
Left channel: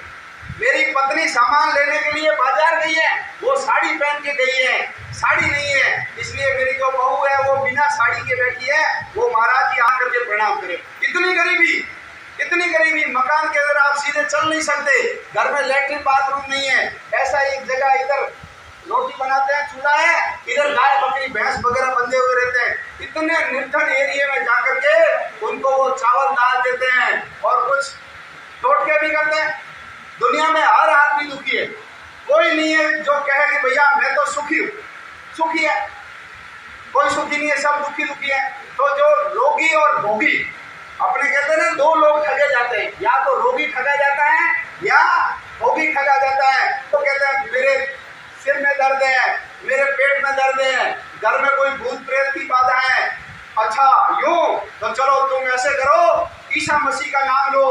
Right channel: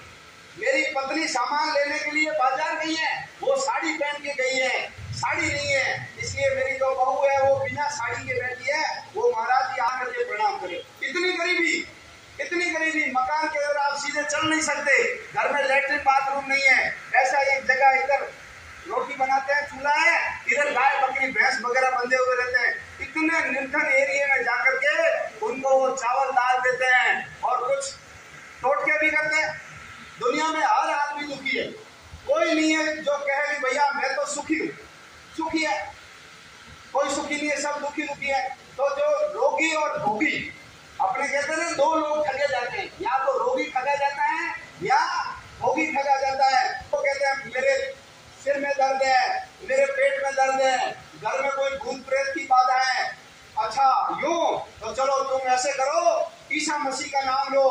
मेरी पत्नी सामान लेने के लिए बाजार गई है, वो साड़ी पहन के गई है, साड़ी नहीं है, इसलिए मेरी जो बहू है वो बिना साड़ी के बैठी है, वो महाराज जी आकर के प्रणाम करे। इतनी गरीबी, इतनी गरीबी, मकान के अंदर आप सीधे चल नहीं सकते, घर में लैट्रिन बाथरूम नहीं है। ऐसा एक जगह इधर रोटी बनाते हैं, चूल्हा है, इधर गाय बकरी भैंस वगैरह बंधे हुए रहते हैं। इतने निर्धन एरिया में जाकर के उनको वो चावल दाल देते हैं और कुछ टोटके भी करते हैं। दुनिया में हर आदमी दुखी है, कोई नहीं है जो कहे कि भैया मैं तो सुखी हूँ। सुखी है कोई? सुखी नहीं है, सब दुखी दुखी है। तो जो रोगी और भोगी, अपने कहते हैं ना, दो लोग ठगे जाते हैं, या तो रोगी ठगा जाता है या भोगी ठगा जाता है। तो कहते हैं मेरे सिर में दर्द है, मेरे पेट में दर्द है, घर में कोई भूत प्रेत की बाधा है। अच्छा यूं तो चलो तुम ऐसे करो, ईसा मसीह का नाम लो,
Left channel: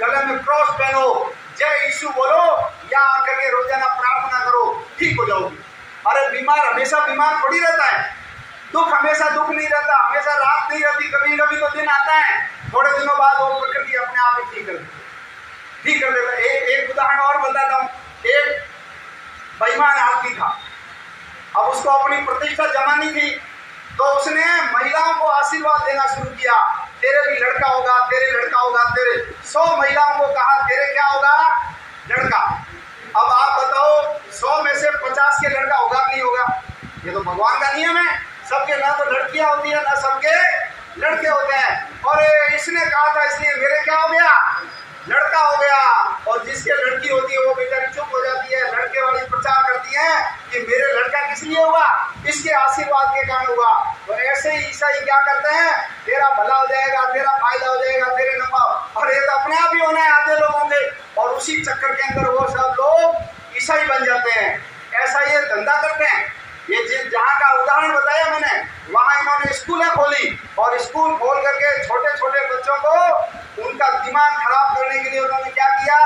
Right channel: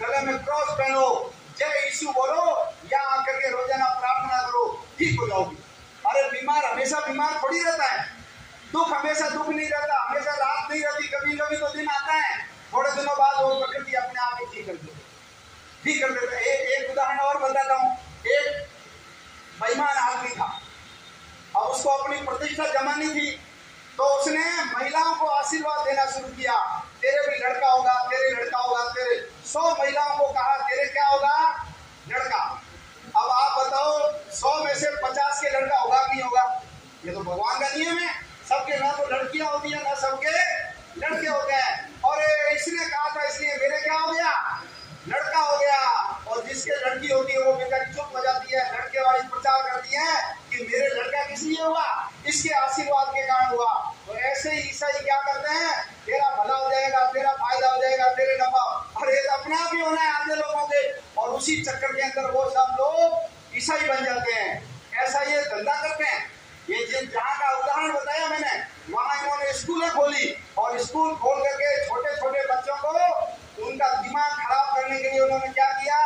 गले में क्रॉस पहनो, जय यीशु बोलो, या आकर के रोजाना प्रार्थना करो, ठीक हो जाओगी। अरे बीमार हमेशा बीमार थोड़ी रहता है, दुख हमेशा दुख नहीं रहता, हमेशा रात नहीं रहती, कभी कभी तो दिन आता है, थोड़े दिनों बाद वो प्रकृति अपने आप ही ठीक कर देता है। एक उदाहरण और बताता हूँ। एक बेईमान आदमी था, अब उसको अपनी प्रतिष्ठा जमानी थी, तो उसने महिलाओं को आशीर्वाद देना शुरू किया, तेरे भी लड़का होगा, तेरे लड़का होगा, तेरे 100 महिलाओं को कहा तेरे क्या होगा? लड़का। अब आप बताओ 100 में से 50 के लड़का होगा नहीं होगा? ये तो भगवान का नियम है, सबके ना तो लड़कियां होती है ना सबके लड़के होते हैं। और इसने कहा था इसलिए मेरे क्या हो गया? लड़का हो गया। और जिसके लड़की होती है वो बेचारी चुप हो जाती है, लड़के वाली प्रचार करती है कि मेरे लड़का किस लिए हुआ? इसके आशीर्वाद के कारण हुआ। तो ऐसे ही ईसाई क्या करते हैं? तेरा भला हो जाएगा, तेरा फायदा हो जाएगा, तेरे नफा चक्कर के अंदर वो सब लोग ईसाई बन जाते हैं। ऐसा ये धंधा करते हैं। ये जहाँ का उदाहरण बताया मैंने, वहां इन्होंने स्कूलें खोली और स्कूल खोल करके छोटे छोटे बच्चों को उनका दिमाग खराब करने के लिए उन्होंने क्या किया,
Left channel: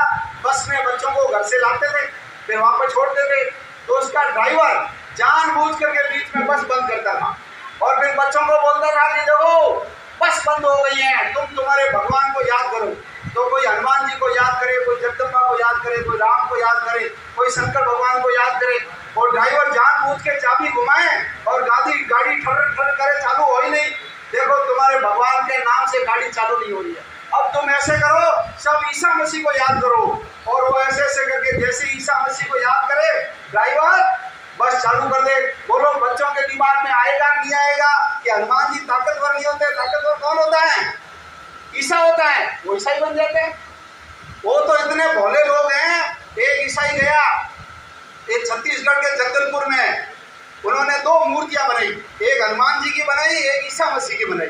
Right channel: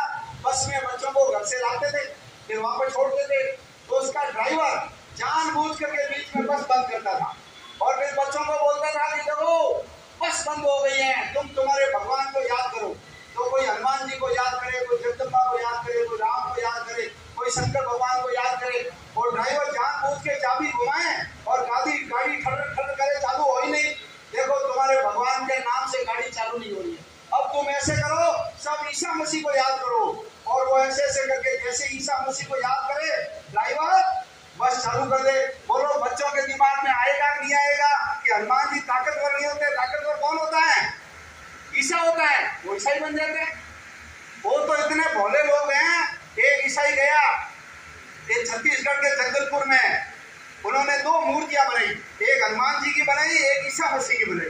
बस में बच्चों को घर से लाते थे, फिर वहां पर छोड़ते थे। तो उसका ड्राइवर जानबूझ करके बीच में बस बंद करता था और फिर बच्चों को बोलता था कि देखो बस बंद हो गई है, तुम्हारे भगवान को याद करो। तो कोई हनुमान जी को याद करे, कोई जगदम्बा को याद करे, कोई राम को याद करे, कोई शंकर भगवान को याद करे। और ड्राइवर जानबूझ के चाबी घुमाए और गाड़ी ठर ठर करे, चालू हो ही नहीं। देखो तुम्हारे भगवान के नाम से गाड़ी चालू नहीं हो रही है। अब तुम ऐसे करो, सब ईसा मसीह को याद करो। और वो ऐसे ऐसे करके जैसे ईसा मसीह को याद करे, ड्राइवर बस चालू कर दे। बोलो बच्चों के दिमाग में आएगा नहीं आएगा कि हनुमान जी ताकतवर नहीं होते? ताकतवर कौन होता है? ईसा होता है। वो ईसाई बन जाते हैं। वो तो इतने भोले लोग हैं। एक ईसाई गया एक छत्तीसगढ़ के जगदलपुर में, उन्होंने 2 मूर्तियां बनाई, एक हनुमान जी की बनाई, एक ईसा मसीह की बनाई।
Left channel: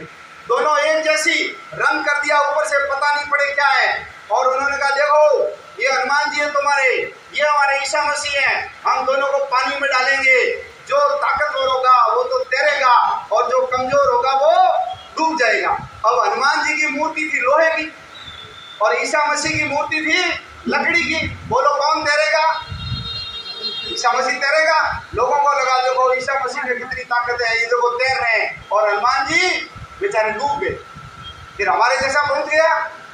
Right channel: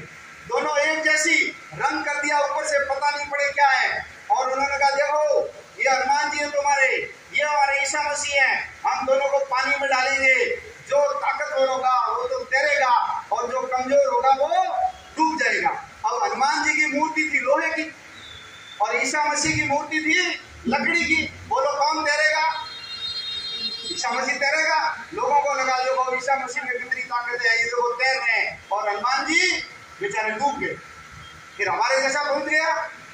दोनों एक जैसी, रंग कर दिया ऊपर से, पता नहीं पड़े क्या है। और उन्होंने कहा देखो ये हनुमान जी है तुम्हारे, ये हमारे ईसा मसीह है, हम दोनों को पानी में डालेंगे, जो ताकतवर होगा वो तो तैरेगा और जो कमजोर होगा वो डूब जाएगा। अब हनुमान जी की मूर्ति थी लोहे की और ईसा मसीह की मूर्ति थी लकड़ी की। बोलो कौन तैरेगा? ईसा मसीह तैरेगा। लोगों को लगा देखो ईसा मसीह में कितनी ताकत है, ये लोग तैर रहे हैं, और हनुमान जी बेचारे डूब गए। फिर हमारे जैसा पहुंच गया।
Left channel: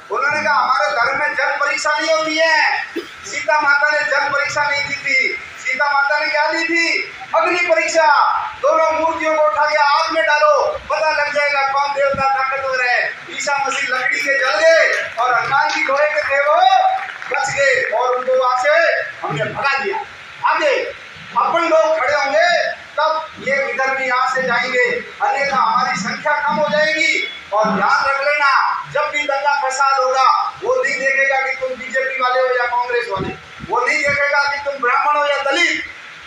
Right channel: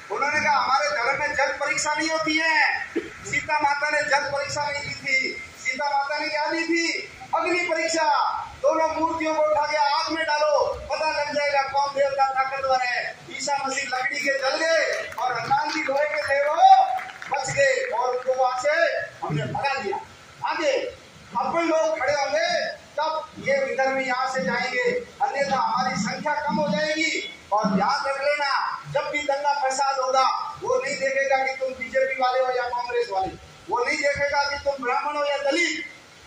उन्होंने कहा हमारे धर्म में जल परीक्षा नहीं होती है। सीता माता ने जल परीक्षा नहीं दी थी। सीता माता ने क्या दी थी? अग्नि परीक्षा। दोनों मूर्तियों को उठा के आग में डालो, पता लग जाएगा कौन देवता ताकतवर है। ईसा मसीह लकड़ी के जल गए और हनुमान जी लोहे के थे वो बच गए और उनको वहां से हमने भगा दिया। आगे अपन लोग खड़े होंगे तब ये इधर भी यहाँ से जाएंगे, अन्यथा हमारी संख्या कम हो जाएगी। और ध्यान रख लेना, जब भी दंगा फसाद होगा वो नहीं देखेगा कि तुम बीजेपी वाले हो या कांग्रेस वाले, वो नहीं देखेगा कि तुम ब्राह्मण हो या दलित।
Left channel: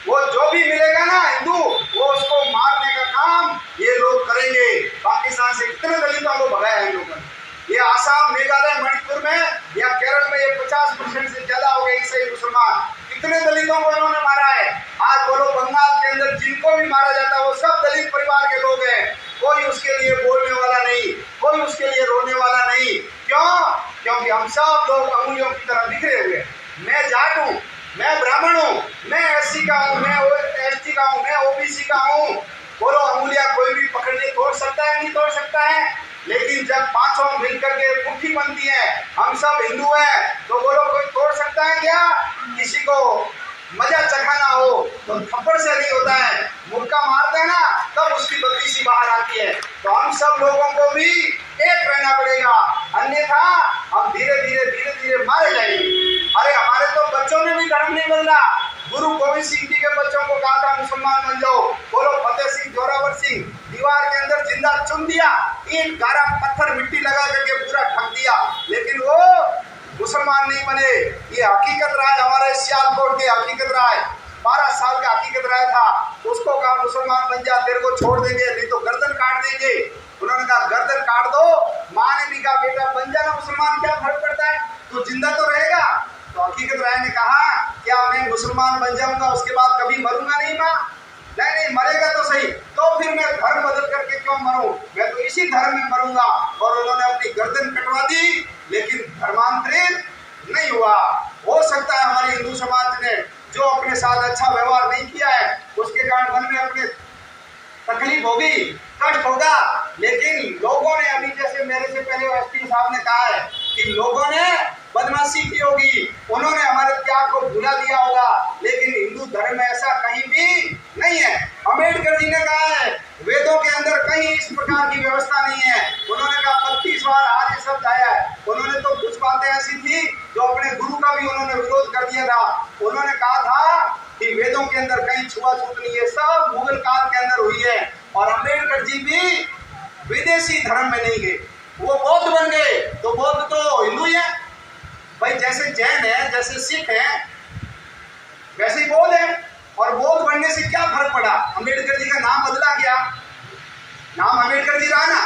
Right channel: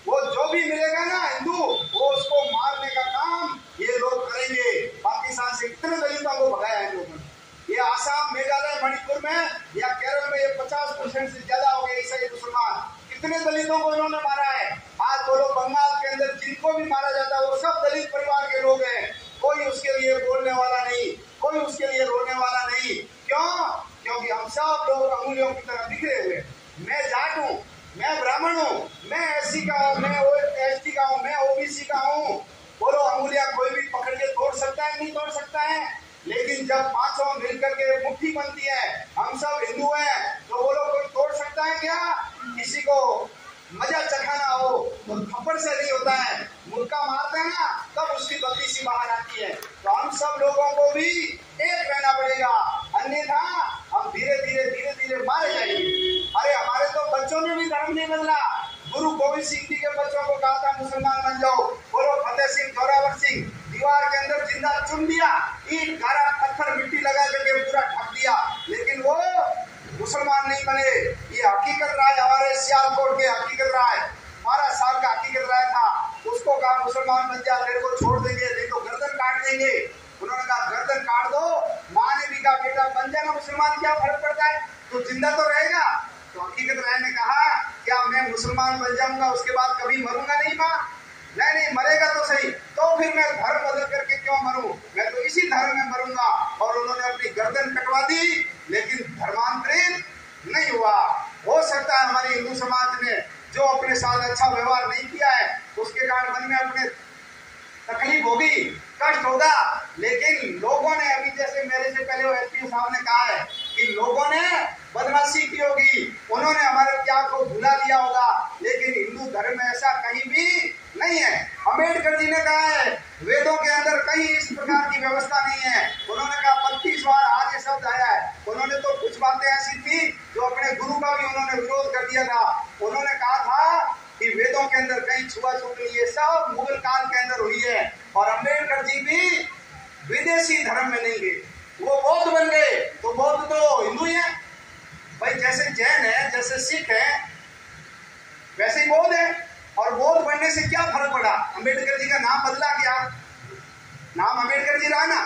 वो जो भी मिलेगा ना हिंदू, वो उसको मारने का काम ये लोग करेंगे। पाकिस्तान से कितने दलितों को भगाया है इन लोगों ने। ये आसाम, मेघालय, मणिपुर में या केरल में ये 50% से ज्यादा हो गए ईसाई मुसलमान। कितने दलितों को इन्होंने मारा है। आज बोलो बंगाल के अंदर जिनको भी मारा जाता है वो सब दलित परिवार के लोग हैं। कोई उसके लिए बोलने वाला नहीं, कोई उसके लिए रोने वाला नहीं। क्यों? क्योंकि हम सब लोग अंगुलियों की तरह बिखरे हुए। मैं जाट हूँ, मैं ब्राह्मण हूँ, मैं एससी का हूँ, मैं एसटी का हूँ, मैं ओबीसी का हूँ। बोलो अंगुलियां कोई भी पकड़ के तोड़ सकता है? नहीं तोड़ सकता है। लेकिन जब पांचों मिलकर के मुट्ठी बनती है, हम सब हिंदू हैं, तो बोलो कोई तोड़ सकता है क्या? किसी को मजा चखाना हो तो थप्पड़ से नहीं होता है, मुक्का मारते हैं ना तब उसकी बत्ती सी बाहर आती है। तो हम सब लोगों को भी एक रहना पड़ेगा, अन्यथा हम धीरे धीरे मारे जाएंगे। अरे हमारे तो बच्चों ने भी धर्म नहीं बदला। गुरु गोविंद सिंह जी के बच्चों को कहा था मुसलमान बन जाओ। बोलो फतेह सिंह, जोरावर सिंह, दीवार के अंदर जिंदा चुन दिया, ईंट गारा पत्थर मिट्टी लगा करके पूरा ढक दिया, लेकिन वो मुसलमान नहीं बने। ये हकीकत रहा है, हमारे सियालकोट के हकीकत रहा है। 12 साल का हकीकत रहा था। उसको कहा मुसलमान बन जा, तेरे को छोड़ देंगे, नहीं तो गर्दन काट देंगे। उन्होंने कहा गर्दन काट दो। माँ ने भी कहा बेटा बन जाना मुसलमान, क्या फर्क पड़ता है, तो जिंदा तो रहेगा। तो हकीकत राय ने कहा क्या मैं मुसलमान बन जाऊंगा उसके बाद कभी मरूंगा नहीं? माँ नहीं, मरेगा तो सही, तो फिर मैं धर्म बदल करके क्यों मरूं, मैं तो इसी धर्म में मरूंगा। और उन्होंने अपनी गर्दन कटवा दी, लेकिन धर्मांतरित नहीं हुआ। हो सकता है हमारे हिंदू समाज ने जो अपने साथ अच्छा व्यवहार नहीं किया है उसके कारण मन में अपने तकलीफ होगी, कष्ट होगा, लेकिन लोगों ने अभी जैसे मेरे से पहले एसपी साहब ने कहा है कि लोगों ने बदमाशी की होगी, उन्होंने हमारे त्याग को भुला दिया होगा, लेकिन हिंदू धर्म में ऐसा कहीं भी नहीं है। अम्बेडकर जी ने कहा है वेदों के अंदर कहीं इस प्रकार की व्यवस्था नहीं है। उन्होंने कहा 32 बार आर्य शब्द आया है। उन्होंने तो कुछ बातें ऐसी थी जो अपने गुरु का भी उन्होंने विरोध कर दिया था। उन्होंने कहा था कि वेदों के अंदर कहीं छुआछूत नहीं है, सब मुगल काल के अंदर हुई है। और अम्बेडकर जी भी विदेशी धर्म में नहीं गए, वो बौद्ध बन गए। तो बौद्ध तो हिंदू ही है भाई, जैसे जैन है, जैसे सिख है, वैसे ही बौद्ध है। और बौद्ध बनने से क्या फर्क पड़ा? अम्बेडकर जी का नाम बदला क्या? नाम अम्बेडकर जी रहा ना।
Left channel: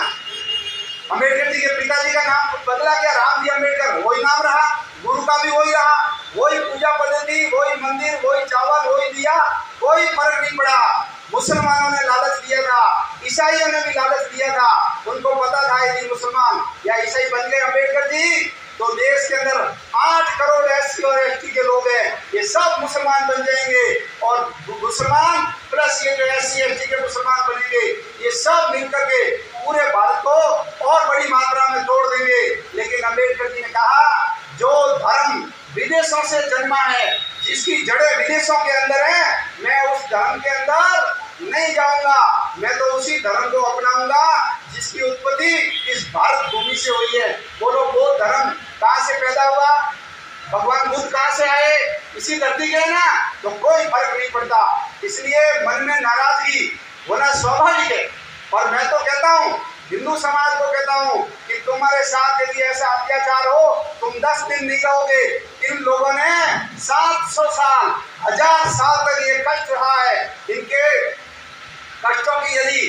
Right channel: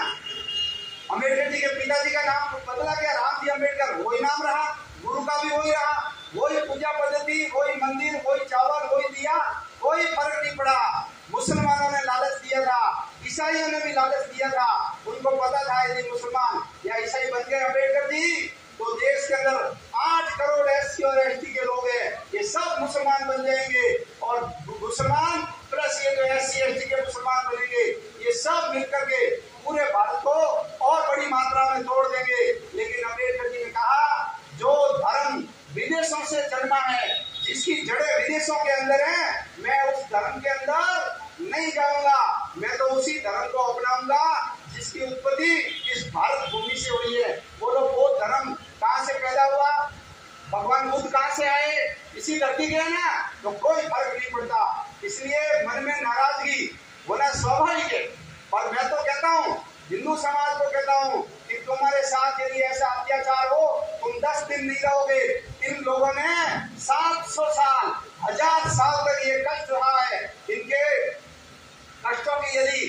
अम्बेडकर जी के पिताजी का नाम बदला क्या? राम जी अम्बेडकर, वही नाम रहा। गुरु का भी वही रहा, वही अम्बेडकर जी ने कहा, जो धर्म विदेशों से जन्मा है, जिसकी जड़ें विदेशों के अंदर है, मैं उस धर्म के अंदर नहीं जाऊंगा। मैं तो उसी धर्म को अपनाऊंगा जिसकी उत्पत्ति इस भारत भूमि से हुई है। बोलो, वो धर्म कहाँ से पैदा हुआ? भगवान बुद्ध कहाँ से आए? इसी धरती के ना, तो कोई फर्क नहीं पड़ता। इसलिए मन में नाराजगी होना स्वाभाविक है। और मैं तो कहता हूँ, हिंदू समाज को कहता हूँ कि तुम्हारे साथ यदि ऐसा अत्याचार हो, तुम 10 दिन नहीं रहोगे। इन लोगों ने 700 साल, 1000 साल तक ये कष्ट रहा है। इनके कष्टों की यदि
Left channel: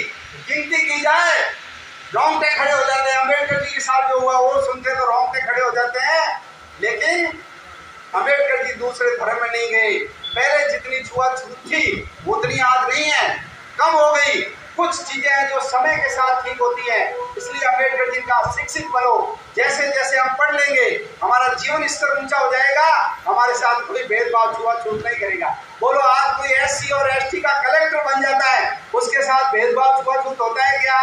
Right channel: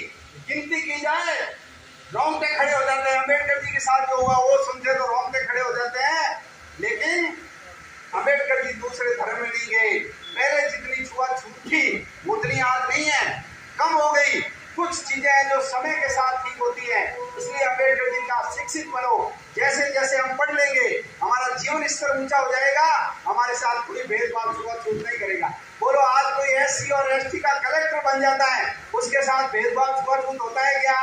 गिनती की जाए, रोंगटे खड़े हो जाते हैं। अम्बेडकर जी के साथ जो हुआ वो सुनते तो रोंगटे खड़े हो जाते हैं। लेकिन अम्बेडकर जी दूसरे धर्म में नहीं गए। पहले जितनी छुआछूत थी उतनी आज नहीं है, कम हो गई। कुछ चीजें हैं जो समय के साथ ठीक होती हैं। इसलिए अम्बेडकर जी का शिक्षित बनो। जैसे जैसे हम पढ़ लेंगे, हमारा जीवन स्तर ऊंचा हो जाएगा। हमारे साथ कोई भेदभाव छुआछूत नहीं करेगा। बोलो, आज कोई SC और ST का कलेक्टर बन जाता है, उसके साथ भेदभाव छुआछूत होता है क्या?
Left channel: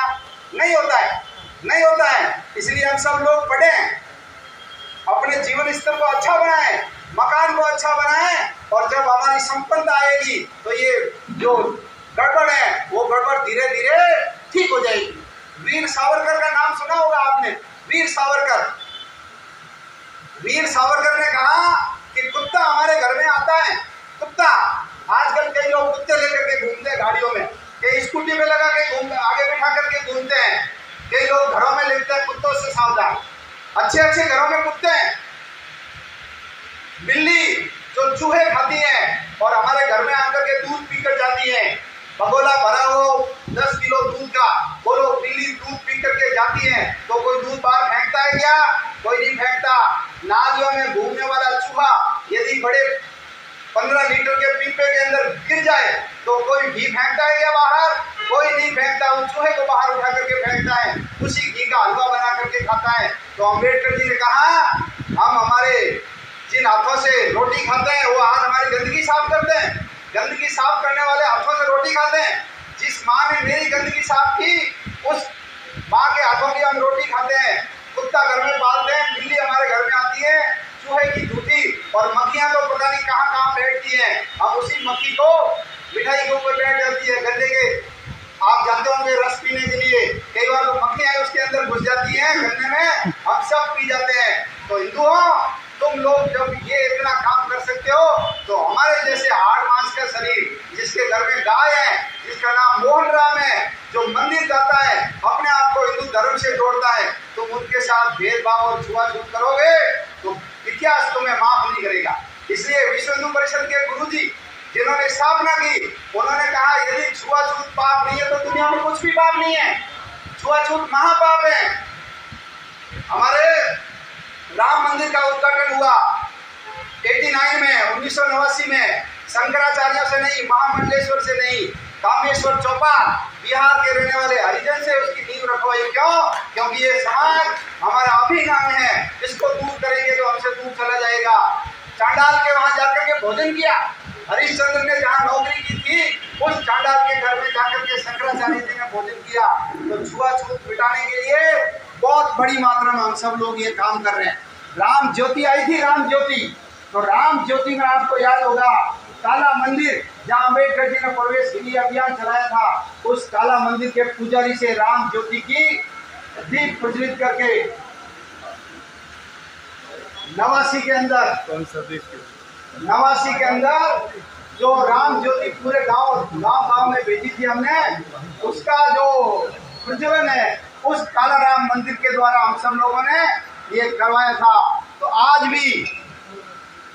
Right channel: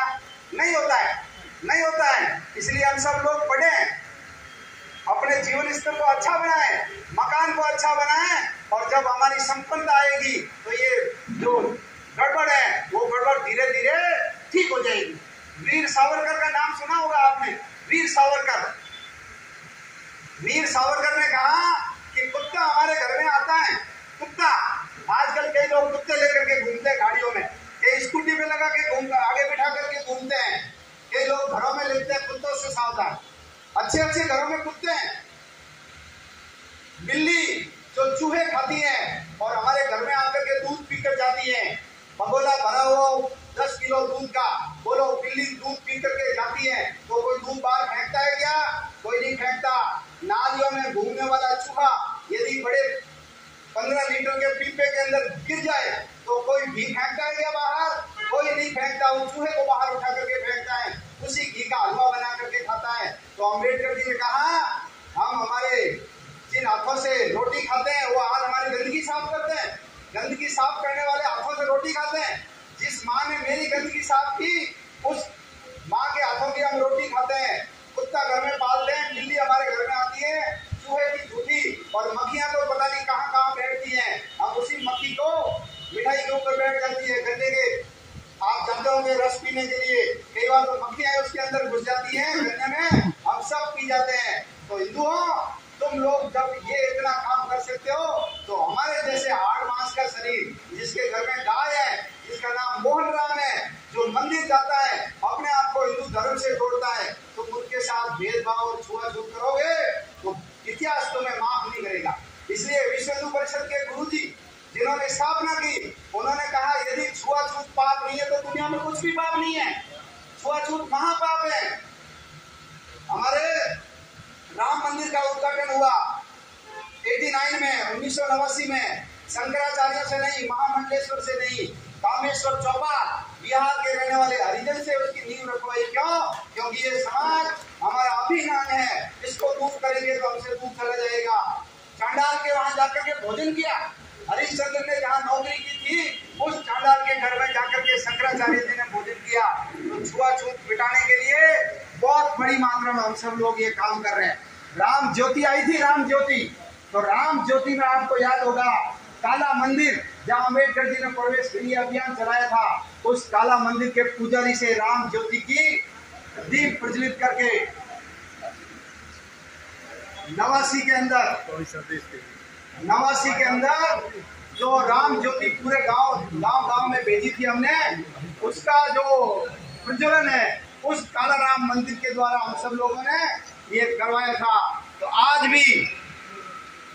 नहीं होता है, नहीं होता है। इसलिए हम सब लोग पढ़ें, अपने जीवन स्तर को अच्छा बनाएं, मकान को अच्छा बनाएं, और जब हमारी संपन्नता आएगी तो ये जो गड़बड़ है वो गड़बड़ धीरे धीरे ठीक हो जाएगी। वीर सावरकर का नाम सुना होगा आपने। वीर सावरकर ने कहा कि कुत्ता हमारे घर में आता है। कुत्ता, आजकल कई लोग कुत्ते लेकर के घूमते हैं गाड़ियों में, कई स्कूटी पे लगा के घूमते, आगे बिठा करके घूमते हैं। कई लोग घरों में लिखते हैं कुत्तों से सावधान। अच्छे अच्छे घरों में कुत्ते हैं। बिल्ली जो चूहे खाती है और हमारे घर में आकर के दूध पीकर जाती है, भगोला भरा हो 10 किलो दूध का। बोलो, बिल्ली दूध पी करके जाती है तो कोई दूध बाहर फेंकता है क्या? कोई नहीं फेंकता। नालियों में घूमने वाला चूहा यदि बड़े 15 लीटर के पीपे के अंदर गिर जाए तो कोई घी फेंकता है क्या बाहर? कोई नहीं फेंकता। वो चूहे को बाहर उठा करके फेंकता है, उसी घी का हलवा बना करके खाता है। तो अम्बेडकर जी ने कहा, हम हमारे जिन हाथों से रोटी खाते हैं वो हाथ हमारी गंदगी साफ करते हैं। गंदगी साफ करने वाले हाथों से रोटी खाते हैं। जिस माँ ने मेरी गंदगी साफ की, उस माँ के हाथों की हम रोटी खाते हैं। कुत्ता घर में पालते हैं, बिल्ली हमारे घर में आती है, चूहे की झूठी, और मक्खियाँ तो पता नहीं कहाँ कहाँ बैठती हैं। अब उसी मक्खी को मिठाई के ऊपर बैठ जाती है, गन्ने के, आप जानते होंगे, रस पीने के लिए। कई बार तो मक्खियाँ उसके अंदर घुस जाती हैं गन्ने में, हम सब पी जाते हैं। तो हिंदुओं, तुम लोग जब ये इतना काम कर सकते हो तो हमारे जैसे हाड़ मांस का शरीर, जिसके घर में गाय है, जिसका नाम मोहन राम है, जो मंदिर जाता है, अपने आप को हिंदू धर्म से जोड़ता है, तुम उनके साथ भेदभाव और छुआछूत करोगे तो इतिहास तुम्हें माफ नहीं करेगा। इसलिए विश्व हिंदू परिषद के गुरुजी जिन्होंने स्थापना की, उन्होंने कहा, यदि छुआछूत पाप नहीं है तो दुनिया में कुछ भी पाप नहीं है। छुआछूत महापाप है। हमारे राम मंदिर का उद्घाटन हुआ 89 में, 1989 में, शंकराचार्य से नहीं, महामंडलेश्वर से नहीं, कामेश्वर चौपा बिहार के रहने वाले हरिजन से उसकी नींव रखवाई। क्यों? क्योंकि ये समाज हमारा अभिन्न अंग है, इसको दूर करेंगे तो हमसे दूर चला जाएगा। चांडाल के वहां जाकर के भोजन किया। हरिश्चंद्र ने जहाँ नौकरी की थी, उस चांडाल के घर में जाकर के शंकराचार्य जी ने भोजन किया। तो छुआछूत मिटाने के लिए बहुत बड़ी मात्रा में हम सब लोग ये काम कर रहे हैं। राम ज्योति आई थी, राम ज्योति, और राम ज्योति में आपको याद होगा काला मंदिर, जहाँ अम्बेडकर जी ने प्रवेश के लिए अभियान चलाया था, उस काला मंदिर के पुजारी से राम ज्योति की दीप प्रज्वलित करके नवासी के अंदर जो राम ज्योति पूरे गांव में भेजी थी हमने, उसका जो प्रज्वलन है उस काला राम मंदिर के द्वारा हम सब लोगों ने ये करवाया था। तो आज भी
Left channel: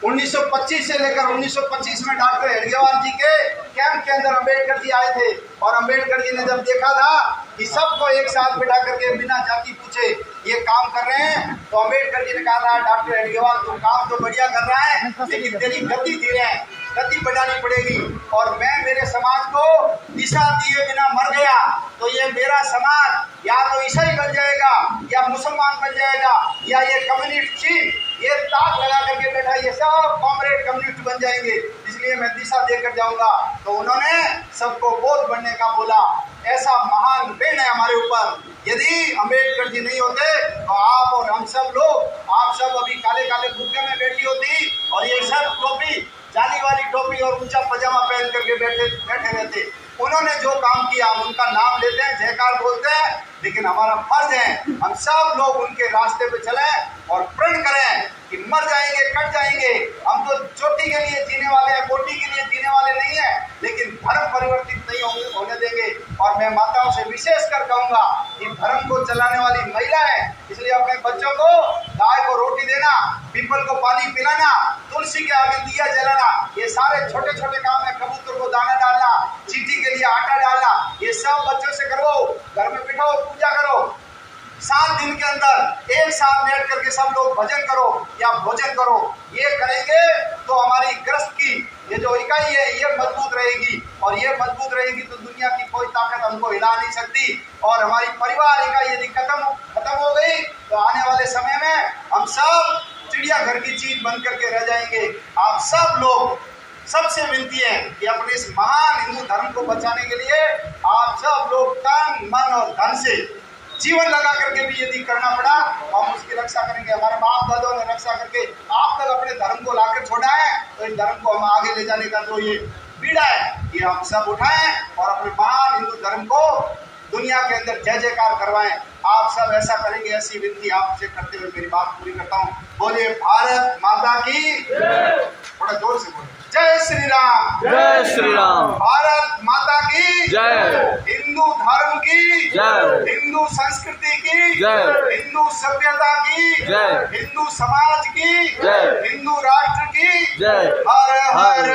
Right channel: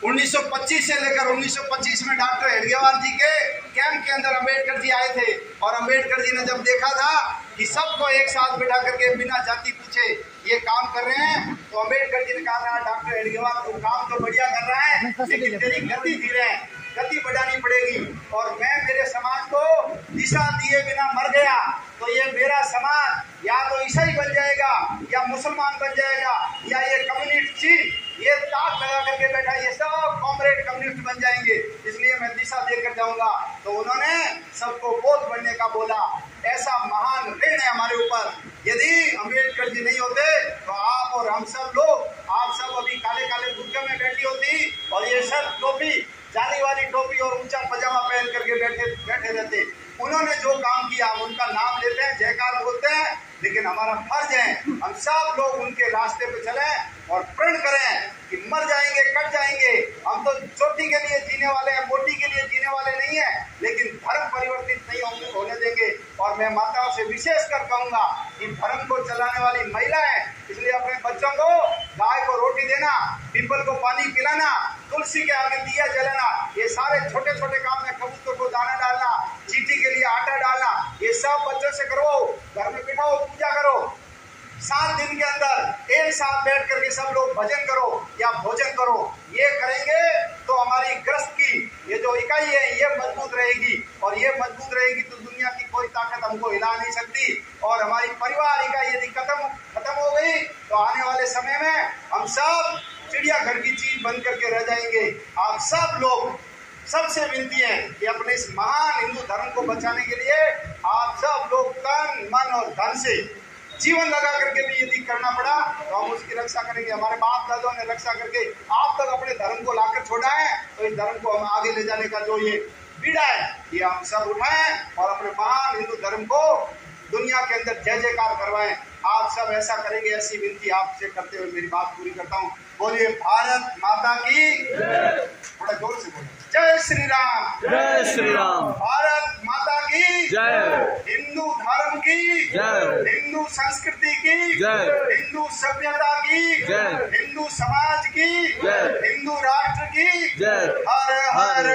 1925 से लेकर 1925 में डॉक्टर हेडगेवार जी के कैंप के अंदर अम्बेडकर जी आए थे, और अम्बेडकर जी ने जब देखा था कि सबको एक साथ बिठा करके बिना जाति पूछे ये काम कर रहे हैं, तो अम्बेडकर जी ने कहा था, डॉक्टर हेडगेवार तू काम तो बढ़िया कर रहा है, लेकिन तेरी गति धीरे है, गति बढ़ानी पड़ेगी। और मैं मेरे समाज को दिशा दिए बिना मर गया तो ये मेरा समाज या तो ईसाई बन जाएगा, या मुसलमान बन जाएगा, या ये कम्युनिस्ट थी, ये ताक लगा करके बैठा, ये सब कॉमरेड कम्युनिस्ट बन जाएंगे, इसलिए मैं दिशा देकर जाऊंगा। तो उन्होंने सबको बोध बनने का बोला। ऐसा महान ऋण है हमारे ऊपर। यदि अम्बेडकर जी नहीं होते तो आप और हम सब लोग, आप सब उन्होंने जो काम किया हम उनका नाम लेते हैं, जयकार बोलते हैं, लेकिन हमारा फर्ज है हम सब लोग उनके रास्ते पे चले और प्रण करें कि मर जाएंगे, कट जाएंगे, हम तो चोटी के लिए जीने वाले हैं, कोटी के लिए जीने वाले नहीं है, लेकिन धर्म परिवर्तित नहीं होने देंगे। और मैं माताओं से विशेष कर कहूंगा कि धर्म को चलाने वाली महिला है, इसलिए अपने बच्चों को गाय को रोटी देना, पीपल को पानी पिलाना, तुलसी के आगे दिया जलाना, ये सारे छोटे छोटे काम है। कबूतर को दाना डालना, चींटी के लिए आटा डालना, ये सब बच्चों से करो, घर में बिठाओ, पूजा करो। 7 दिन के अंदर एक साथ बैठ करके सब लोग भजन करो या भोजन करो। ये करेंगे तो हमारी ग्रस्त की ये जो इकाई है ये मजबूत रहेगी, और ये मजबूत रहेगी तो दुनिया की कोई ताकत हमको हिला नहीं सकती। और हमारी परिवार इकाई यदि खत्म हो गई तो आने वाले समय में हम सब चिड़ियाघर की चीज बन करके रह जाएंगे। आप सब लोग, सबसे विनती है कि अपने इस महान हिंदू धर्म को बचाने के लिए आप सब लोग तन मन और धन से जीवन लगा करके भी यदि करना पड़ा तो हम उसकी रक्षा करेंगे। हमारे बाप दादों ने रक्षा करके आप तक अपने धर्म को लाकर छोड़ा है, तो इस धर्म को हम आगे ले जाने का जो ये बीड़ा है ये हम सब उठाएं और अपने महान हिंदू धर्म को दुनिया के अंदर जय जयकार करवाएं। आप सब ऐसा करेंगे, ऐसी विनती आपसे करते हुए मेरी बात पूरी करता हूँ। बोलिए भारत माता की, थोड़ा जोर से बोलिए, जय श्री राम, जय श्री राम। भारत माता की जय, हिंदू धर्म की जय, हिंदू संस्कृति की जय, हिंदू सभ्यता की जय, हिंदू समाज की जय, हिंदू राष्ट्र की जय। हर हर